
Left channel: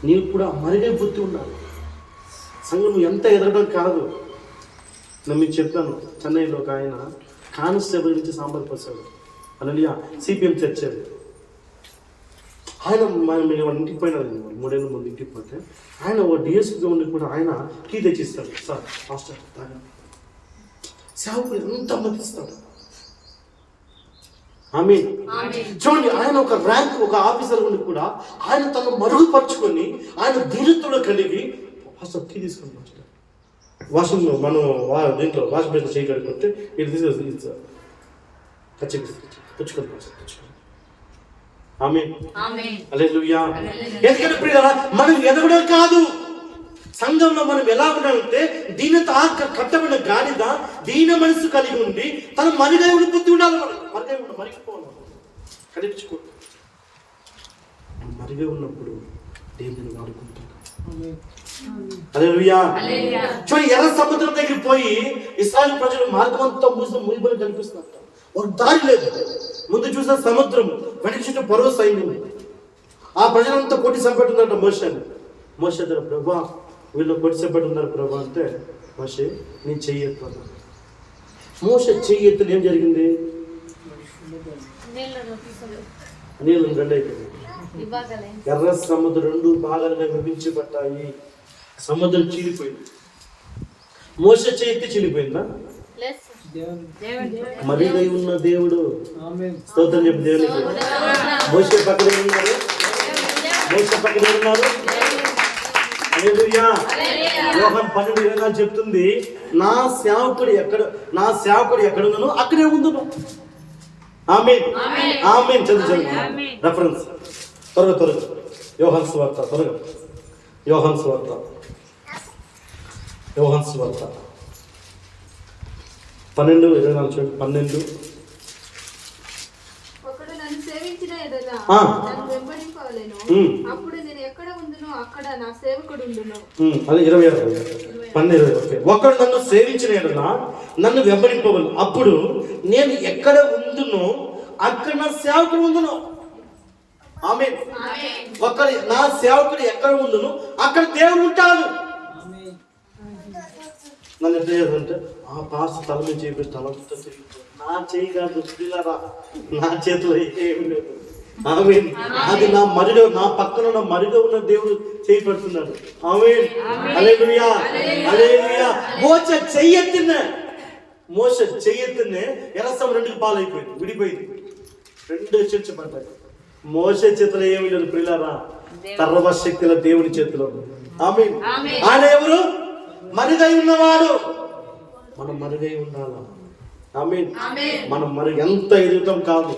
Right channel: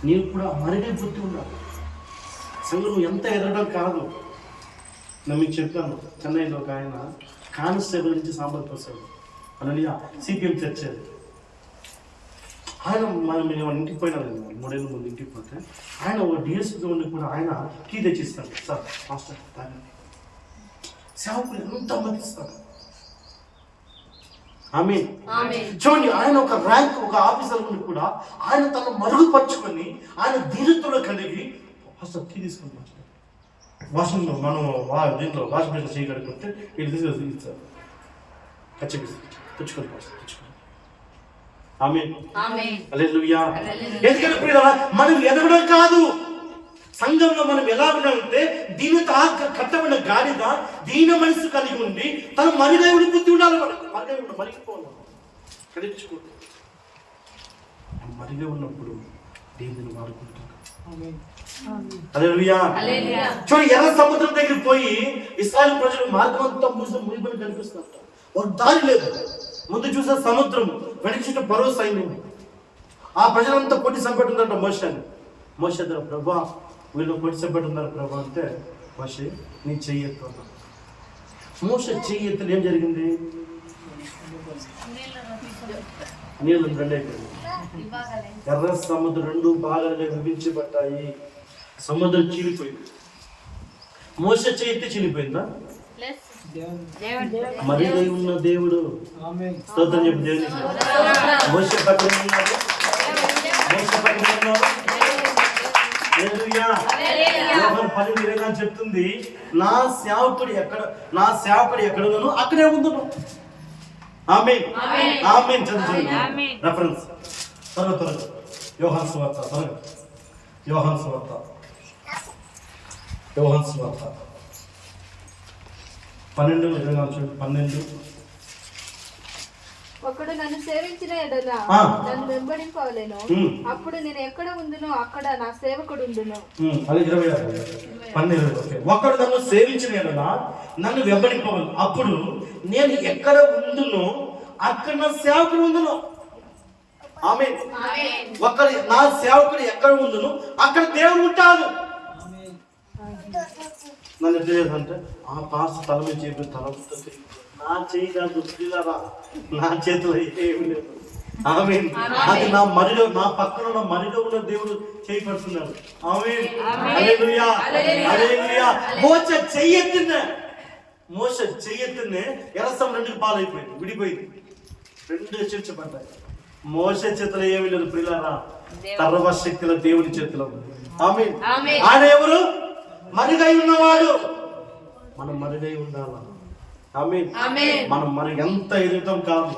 నీవు కూడా మరుగై బుద్ధి ఉండాలి. సంఘం ఎంత ఎదగడం కాదు. నేను మీకు చెప్పాను, చెన్నైలో ఒక ఆయన కానిస్టేబుల్ నుంచి సాంబార్ పోసాడు. హల్లెలూయా. సిపిఎం చర్చ్ అది. ఆయన మనం ఇంటికి పోయినా, 3 ఏళ్ళ ముందు ఇంటికి పోతే, ఆయన ఓ డిఎస్పీగా ఉండి కూడా ఆయన కీ తెచ్చిస్తాడు. సార్ మాస్టర్ తాగండి. సేవకులు ఎంత మతిస్తాడు. ఆమేన్. చూడండి, ఆయన ఒక ర్యాంక్, ఒక ఆఫీసర్ ఉండి కూడా ఆయన తను మరుగుపరుచుకొని, ఆయన ధీరత్వంలో కలిగి ఫస్ట్ కీ తీసుకొని మాస్టర్ వాషింగ్, మనం దీంట్లో వాషింగ్ మెషిన్ చేయి కడుక్కుంటే ఇది తీసుకొని ఇచ్చారు. తెచ్చుకొని మాస్టర్ తెచ్చుకొని. ఆమేన్, హల్లెలూయా. ఎందుకంటే ప్రియులారా, మనం ఎదగడం కాదు. సంఘంలో మనం ఎలా ఉండాలంటే, దీనితో కట్టబడిన గాడిద దీన మనసు కలిగి ఉండి తన మరుగైన బుద్ధి ఉండాలి. మనకు మరిగిపోవాలి, కనిపించుకోండి. మరిగే ఉన్నప్పుడు దేవుని వాడుకుంటాడు. హల్లెలూయా. చూడండి, ఎర్ర సముద్రం దగ్గరికి పోయి ఇశ్రాయేలు ప్రజలు మార్గం అంతా మునిగిపోయి కనిపిస్తున్నారు. ఒక దారి లేదు. ముందు చూసిన సముద్రం, వెనక చుట్టూ పరో సైన్యం. ఆ ప్రజలంతా కొట్టి చంపెట్టున్నారంట మోషేని. మోషే దగ్గర, ప్రభా వీళ్ళు కొట్టి చంపెట్టున్నారు ప్రభా అంటే, మోషే నీ చెయ్యి ఎత్తు అన్నాడు. మోషే చెయ్యి ఎత్తున ఏం జరిగింది? నీళ్ళు రెండు అయిపోయింది. ఎర్ర సముద్రం రెండు భాగాలుగా విభజించబడ్డాయి. సముద్రం చీలిపోయింది. మోషే చెయ్యి ఎత్తి చీలిపోయిందా? మరిగై ఉన్న దేవుడు. స్తోత్రం చెప్పు దేవునికి. మోషే పక్కనే ఉన్నారు. మోషే పక్కనే ఉన్నారు. హల్లెలూయా. యోహాను 12:20 చెప్తుంది, నా సేవకుడు ఎక్కడ ఉన్నానో అక్కడే ఉందును. ఆమేన్ ఆమేన్. చదువు రెఫరెన్స్ త్వరగా. యోహాను సువార్త త్వరగా. యోహాను సువార్త 12:24 చూడండి. 12. ఒకడు నన్ను సేవించిన ఎడల నన్ను వెంబడింపవలెను. అప్పుడు నేను ఎక్కడ ఉండునో అక్కడ నా సేవకుడు ఉండును. అదే 26. ఒకడు నన్ను సేవించిన ఎడల నన్ను వెంబడింపవలెను. అప్పుడు నేను ఎక్కడ ఉండునో అక్కడ నా సేవకుడు ఉండును. ఆమేన్. నా సేవకుడు ఎక్కడ ఉండును అక్కడ దేవుడు ఉంటాడు. నన్ను ఎట్లా చేయాలంటే, ఆ పాస్ తల మీద చేపి తలంతో తిరిగి నా చేయి కాదు, నా చేతిలో ఏమి లేదు. ఆమేన్. అది నా పక్కన ఉన్న మరిగా ఉన్న దేవుడు చేయి పెడుతున్నాడు. ఆమేన్. హల్లెలూయా. హల్లెలూయా. మోషే చెయ్యెత్తినే ఎర్రసముద్రం రెండుకి పాలైపోయింది, విడిపోయింది, రెండుగా చీల్చబడ్డాయి. మోషే చేతిలో ఏమీ లేదు ప్రియులారా, సర్వశక్తుల దేవుని చేతిలో. ఆమేన్. ఆయన ఎవరు? మరుగై ఉన్నవాడు. మనం మరుగై ఉండాలా. ఆమేన్. మనం ఎంత ఎదుగుతాం కాదు,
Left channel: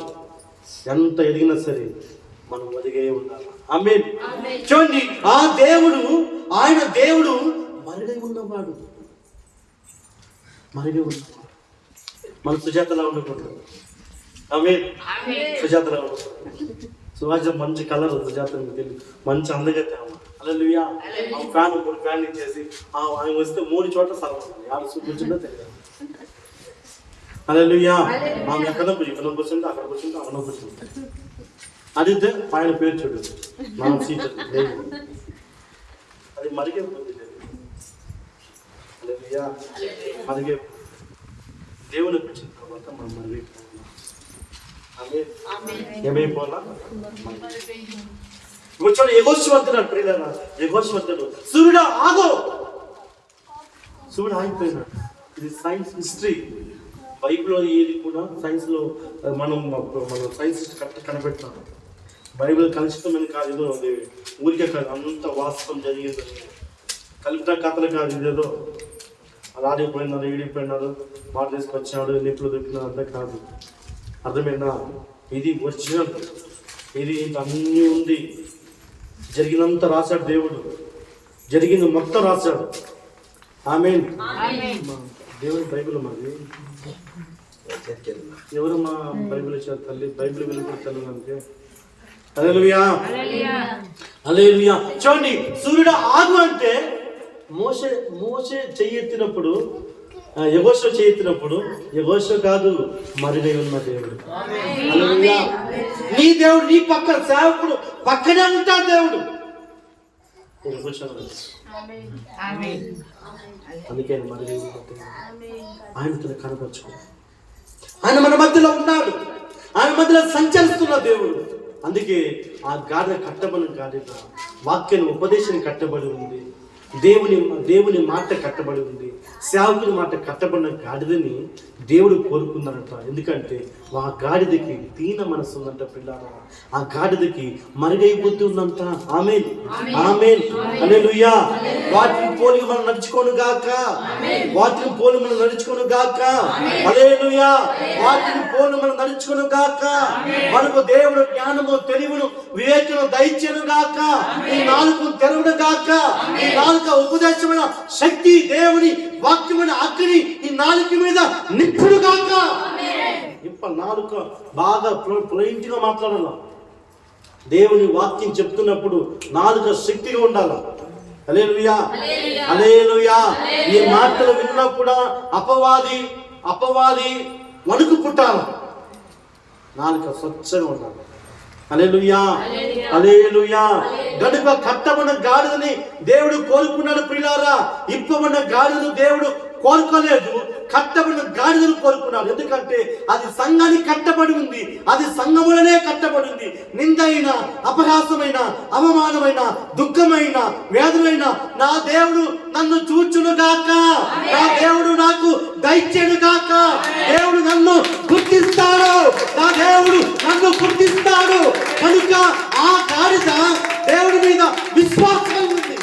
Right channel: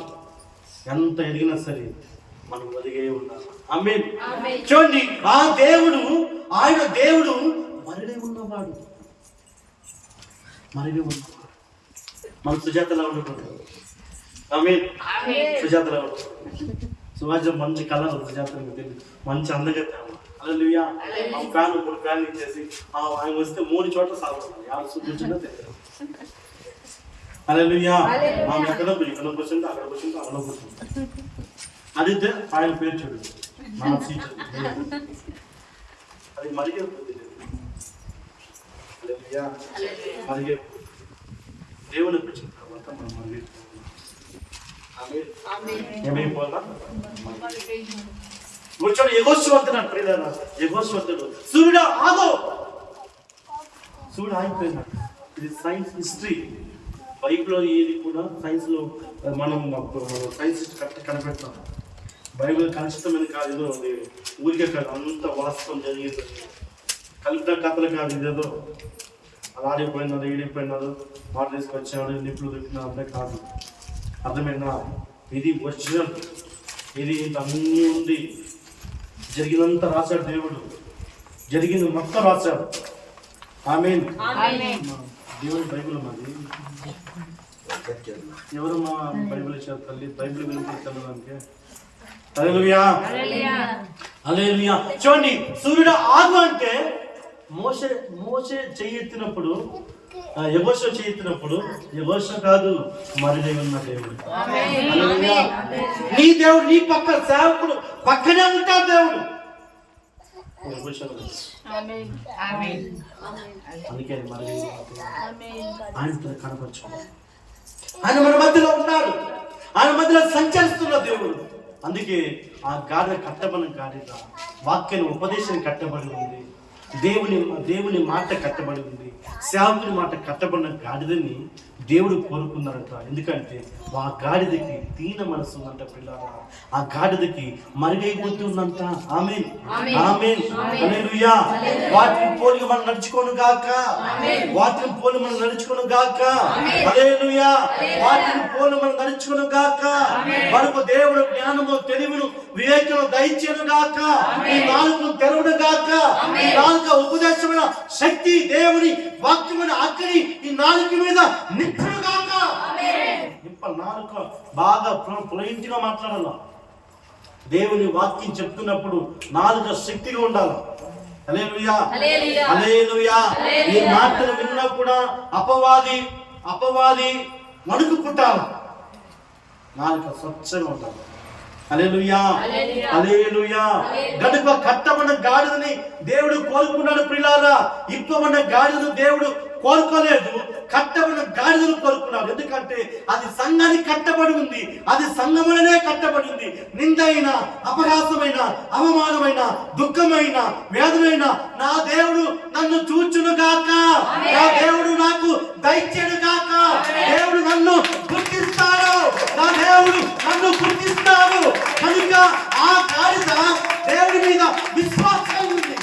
ఎంత ఎదిగినా సరే మనం మరుగై ఉండాలి. ఆమేన్. చూడండి, ఆయన దేవుడు మరుగై ఉన్నవాడు. మన సుజాతలా ఉండకూడదు. ఆమేన్. సుజాతలా ఉండకూడదు. సుజాత మంచి కలర్, సుజాత తెలియదు, మంచి అందగతే. హల్లెలూయా. ఫ్యాన్ 3 ఫ్యాన్లు ఇచ్చేసి ఆయన వస్తే 3 చోట్ల సాగబడాలి. యారు కూర్చుందో తెలియదు. హల్లెలూయా. మనం ఎక్కడ కూర్చుంటే అక్కడ కూర్చుంటే అక్కడ కూర్చుంటే అడిగితే ఆయన పేరు చూడు, మన సీట్ అది మరిగే బుద్ధి లేదు. హల్లెలూయా. మరిగే దేవుని పిలిచిన తర్వాత మనం మరిగిపోవాలి. ఏమైపోవాలా? వచ్చాడు యెహోషువంతుడు. ప్రియులారా, యెహోషువంతుడు సూర్యుడు ఆగు. సూర్యుడు ఆగిపోయినాడు. ఇది సైన్స్ హిస్టరీ. బైబిల్లో ఏది కూడా సైన్స్లో మనం సైన్స్ కనిపెట్టాం. బైబిల్ కలుషితమైన కాదు, ఏదో ఊరికే కాదు, అంత వాస్తవం జరిగింది. కలిపిన కథలు కాదు. ఇదేదో ఆడిపోయినారు, ఈడిపోయినారు, మాట తీసుకొచ్చాడు, నిప్పులు దొరికినారు అంతా కాదు. అర్థమైందా? ఇది ఒరిజినల్. ఇది అన్నీ ఉంది. జరిగినంత రాశాడు దేవుడు, జరిగింది మొత్తం రాశాడు. ఆమేన్. దేవుని బైబిల్ మాది. ఎవరు మా బైబిల్ ఇచ్చారు తల్లి? బైబిల్ వినపడతానికి. హల్లెలూయా. హల్లెలూయా. చూడండి, సూర్యుడు ఆగు అంటే మోషే చెయ్యెత్తినప్పుడు, యెహోషువ చెయ్యెత్తినప్పుడు, యెహోషువ కాదు, మరిగై ఉన్న దేవుడు. హల్లెలూయా. నీ దేవుడు నీ పక్క సేవకుడు పక్కనే ఉంటాడు దేవుడు. అందుకే మరిగై ఆయనతో కనపరచుకో. ఆయన మన మధ్యలో ఉన్నాడు, ఆయన మధ్యలో సంచరిస్తున్న దేవుడు. అందుకే ఆ గాడిద కట్టబడిన గాడిద వాక్యం ఉపదేశం కట్టబడి ఉంది. దేవుని మాట కట్టబడి ఉంది. సేవకుని మాట కట్టబడిన గాడిదని దేవుడు కోరుకున్నారంట. ఎందుకంటే ఆ గాడిదకి దీన మనసు ఉందంట పిల్లారా. ఆ గాడిదకి మరుగై బుద్ధి ఉందంట. ఆమేన్. ఆమేన్. హల్లెలూయా. వాటిని పోలి మనం నడుచుకోను గాక. వాటిని పోలి మనం నడుచుకోను గాక. హల్లెలూయా. వాటిని పోలి మనం నడుచుకోను గాక. మనకు దేవుడు జ్ఞానము, తెలివిను, వివేకము దయచేను గాక. ఈ నాలుగు తెరవును గాక. ఈ నాలుగు ఉపదేశమైన శక్తి, దేవుని వాక్యమైన అగ్ని ఈ నాలుగు మీద నిప్పుడు గాక. నాలుగు బాగా ఫ్లూయెంట్ గా మాట్లాడాల. దేవుని వాక్యం చెప్తున్నప్పుడు నాలుక శక్తిగా ఉండాలి. హల్లెలూయా, హల్లెలూయా. ఈ మాటలు విన్నప్పుడు అపవాది వణుకు పుట్టాల. నాలుక స్వచ్ఛంగా ఉండాలి. హల్లెలూయా, హల్లెలూయా. గనుక కట్టమన్న గాడిదని దేవుడు కోరుకున్నాడు ప్రియులారా. ఇప్పమన్న గాడిదను దేవుడు కోరుకోలేదు, కట్టబడిన గాడిదను కోరుకున్నాడు. ఎందుకంటే అది సంఘానికి కట్టబడి ఉంది, అది సంఘములనే కట్టబడి ఉంది. నిందైన, అపహాసమైన, అవమానమైన, దుఃఖమైన, వేదనైన నా దేవుడు నన్ను చూచును గాక, నా దేవుడు నాకు దయచేడు గాక. దేవుడు నన్ను గుర్తిస్తాడు, నా దేవుడు నన్ను గుర్తిస్తాడు. కనుక ఆ గాడిద దేవుడి మీద విశ్వాసం ఉంది.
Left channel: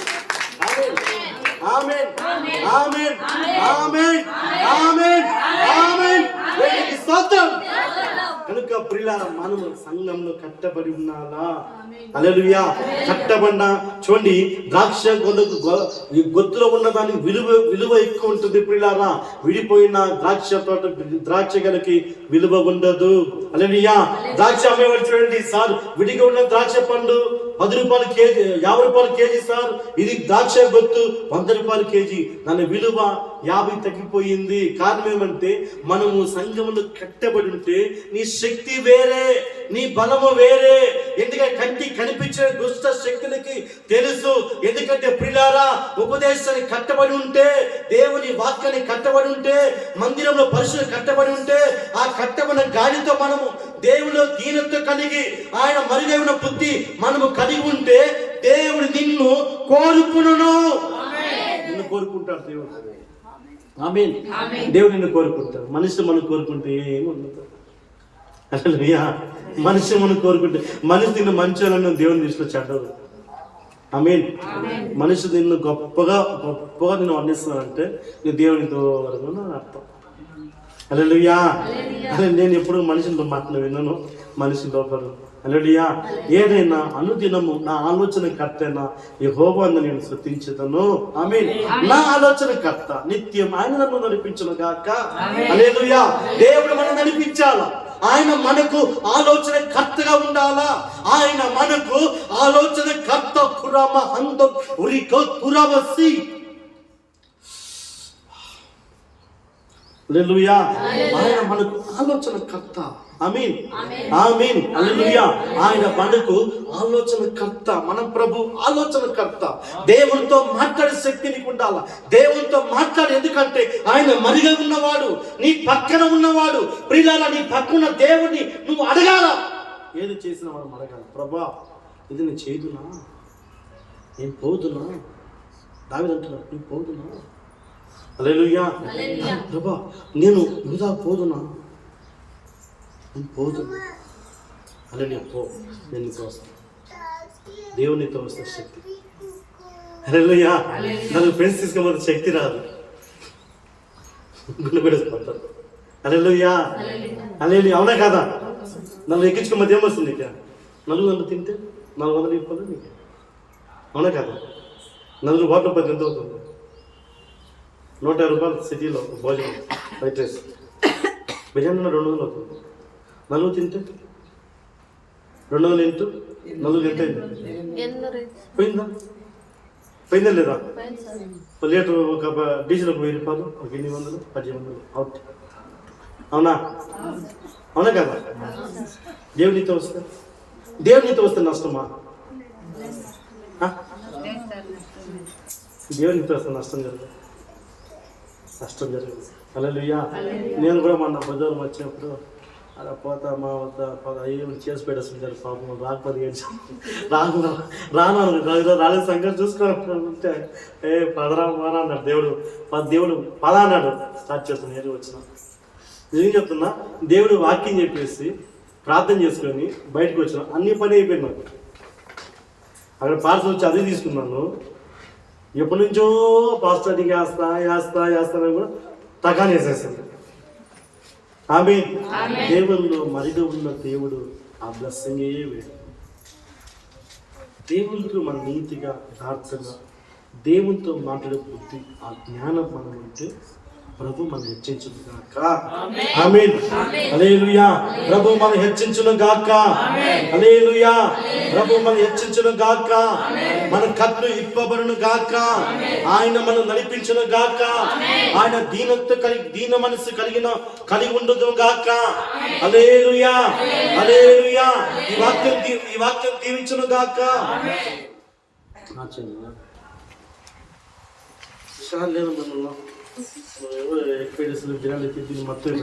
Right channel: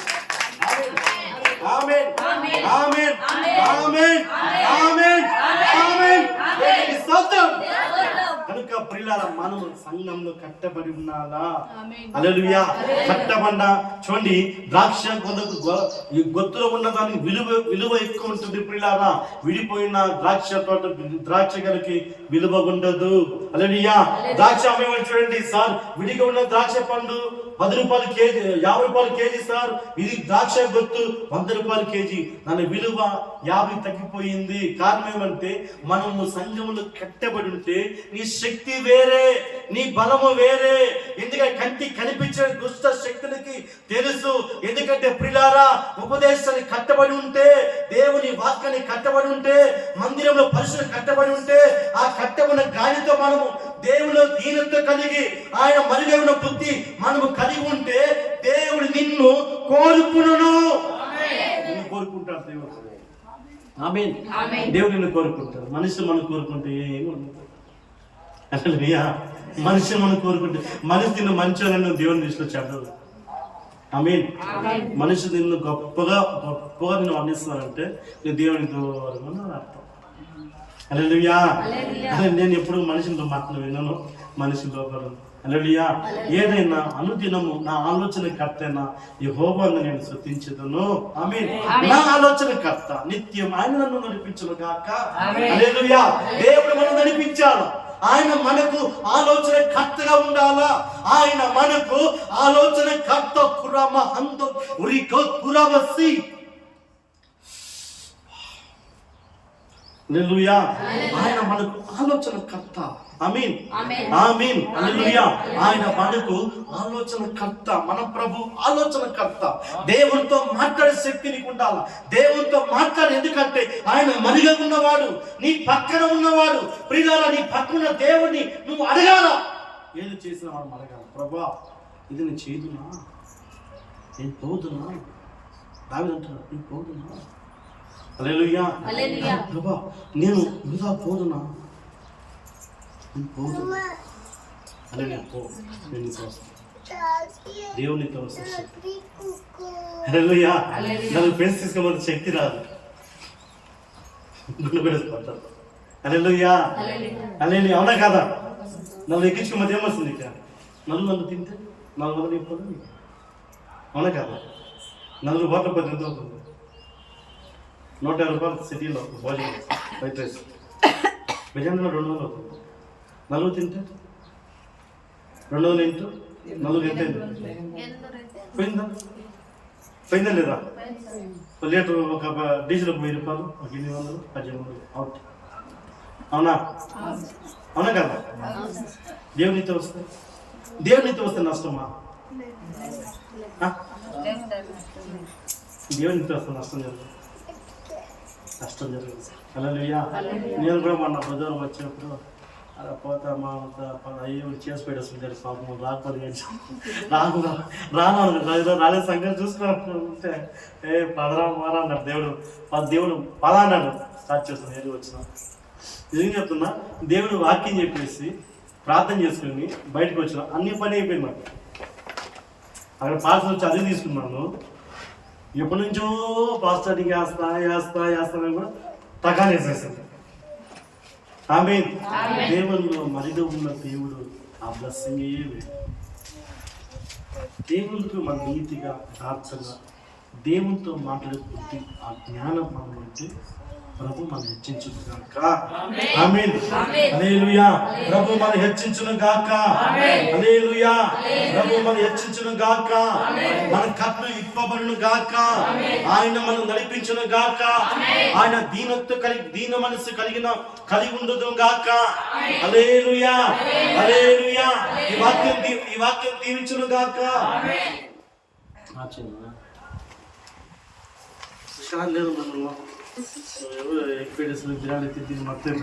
ఆమేన్, ఆమేన్, ఆమేన్, ఆమేన్, ఆమేన్. దేవునికి స్తోత్రం. కనుక ప్రియులారా, మనము సంఘంలో కట్టబడి ఉన్నారా? హల్లెలూయా. కట్టబడిన చూడండి, ద్రాక్ష గొత్తులో ఉన్న దానికి విలువ ఎక్కువ ఉంటుంది ప్రియులారా. విడిపోయిన ద్రాక్ష గలకి విలువ ఉండదు. హల్లెలూయా. ద్రాక్ష అమ్మేవాడు చూడండి, సార్ విడిగా ఉన్న ద్రాక్ష పండు 10 రూపాయలు కేజీ, 50 రూపాయలు కేజీ సార్. ఇది ద్రాక్ష గొత్తు 100 రూపాయలు కేజీ. దాని విలువ 50 తగ్గిపోయింది. కారణం ఏమంటే మనము సంఘములో కట్టబడి ఉంటే నీ శక్తి వేరే, నీ బలము వేరే. ఎందుకంటే కంటికి కనిపించే దుష్ట శక్తులకి తెలుసు. ఎందుకంటే ప్రియులారా, ఉపదేశానికి కట్టబడి ఉంటే, దేవుని వాక్యాన్ని కట్టబడి ఉంటే, మందిరంలో పరిశుద్ధ కట్టబడి ఉంటే, ఆ కట్టబడిన గాలితో మనము దేవునిలో దీనత కలిగి ఆయన మరుగైన బుద్ధి మనము కలిగి ఉంటే దేవుడు నిన్ను కోరుకును. నిన్ను కోరుకుంటాడు దేవుడు. ఆమేన్. దేవుడు నిన్ను కోరుకుంటాడు. మనిషి మనం కోరుకుంటే ఏమి ఉండదు. హల్లెలూయా. మనిషి మనం కోరుకుంటే, మనిషి నిన్ను మంచోళ్ళను దేవుని దృష్టిలో చెడ్డదు. ఆమేన్. మనిషి నిన్ను గొప్పగా నిన్ను వర్ణిస్తున్నానంటే నీ దేవుని దూరంగా అని అర్థం. హల్లెలూయా. నేను ఎప్పుడు మనిషితో మాటలు విన్నాను, మనిషి లోపల. హల్లెలూయా. ఏదైనా అనుదినము నా ఆలోచన కర్తైనా యెహోవాను నేను స్తుతించుదును. ఆమేన్. నా ఆలోచన కర్త నిత్యం ఆయన నన్ను నడిపించును గాక. హల్లెలూయా. దేవుడు మనం నడిపించాలా, ఆయన మనకు ఆలోచన కర్తగా ఉండాలా. ఆయన మనకు ఆలోచన కర్త. కురామ హంద ఉరికో కురవసి. హల్లెలూయా. ఆయన మనకు ఆలోచన కర్త. ఆమేన్, ఆమేన్. హల్లెలూయా. ఆయన మనకు ఆలోచన కర్త. మన ప్రభు ఆలోచన కర్త. దేవునితో మాట్లాడే శక్తి నీకు ఉండాలా. దేవునితో మాట్లాడు. ఎందుకంటే ఆయన మరిగా ఉన్నవాడు, నీ పక్కన ఉన్నవాడు. ప్రియులారా, నీ పక్కన దేవుని నువ్వు అడగాల. ఏది చేసినా మనం అడగాల. ప్రభా, ఇది నేను చేదునా, నేను పోదునా? దావీదు అంటున్నాడు, నేను పోదునా? హల్లెలూయా. ప్రభా, నేను వృధా పోదునా? నేను పోదునా? హల్లెలూయా. పో, నేను నీతో వస్తాను. దేవునితో వస్తే శక్తి. హల్లెలూయా. నన్ను ఫ్రెండ్స్ తీసుకోమని శక్తి రాదు, గుండె పెడతారు. హల్లెలూయా, హల్లెలూయా. అవునా కదా? నన్ను ఎక్కించుకోమని ఏమొస్తుంది? నన్ను తింటే 400 ఇవ్వాలి నీకు. అవునా కదా? 4 రూపాయలు ఎంత అవుతుంది? 150 రూపాయలు సిటీలో భోజనం, వైట్ రైస్, బిర్యానీ 200 అవుతుంది. 4 తింటే 200 ఇంటూ 4 ఎంత అయింది? పోయిందా లేదా? లీటర్ ఒక డీజిల్ 1000 రూపాయలు, ఒక 800, 1800 అవుట్. అవునా? అవునా కదా? దేవునితో వస్తే నష్టమా? దేవునితో వస్తే నష్టం జరగదు. హల్లెలూయా. నేను కూడా మొన్న బజారు వచ్చినప్పుడు అలా పోతా మా అయ్యో చేసి పెట్టేస్తుంటారు పాపం. రాకపోతే రాలేదు సంగతి చూసుకున్నట్టే పదరా మారా అన్నాడు దేవుడు. పద అన్నాడు. స్టార్ట్ చేస్తాను. ఏది వచ్చినా నిజంగా చెప్తున్నా, దేవుడు వాక్యం చెప్పేసి ప్రార్థన చేసుకొని బయటకు వచ్చిన అన్ని పని అయిపోయింది నాకు. అక్కడ పార్సల్ వచ్చి అది తీసుకున్నాను. ఎప్పటి నుంచో పాస్టర్కి వేస్తానని కూడా తగానే వేసేసింది. ఆమేన్. దేవుల్లో మరిగా ఉన్న దేవుడు ఆ బ్లెస్సింగ్ వేరు. దేవునితో మన నీతిగా యథార్థంగా దేవునితో మాట్లాడే బుద్ధి, ఆ జ్ఞానం మనం ఉంటే ప్రభు మనం హెచ్చించును గాక. ఆమేన్. హల్లెలూయా. ప్రభు మనం హెచ్చించును గాక. హల్లెలూయా. ప్రభు మనం హెచ్చించును గాక. మన కట్లు ఇప్పబడును గాక. ఆయన మనం నడిపించును గాక. ఆయన దీన మనసు కలిగి ఉండును గాక. హల్లెలూయా. హల్లెలూయా. ఈ వాక్యం దీవించును గాక. విషయాలు లేదు మనలో ఎక్కువ దినాలు తిరిగి మొత్తం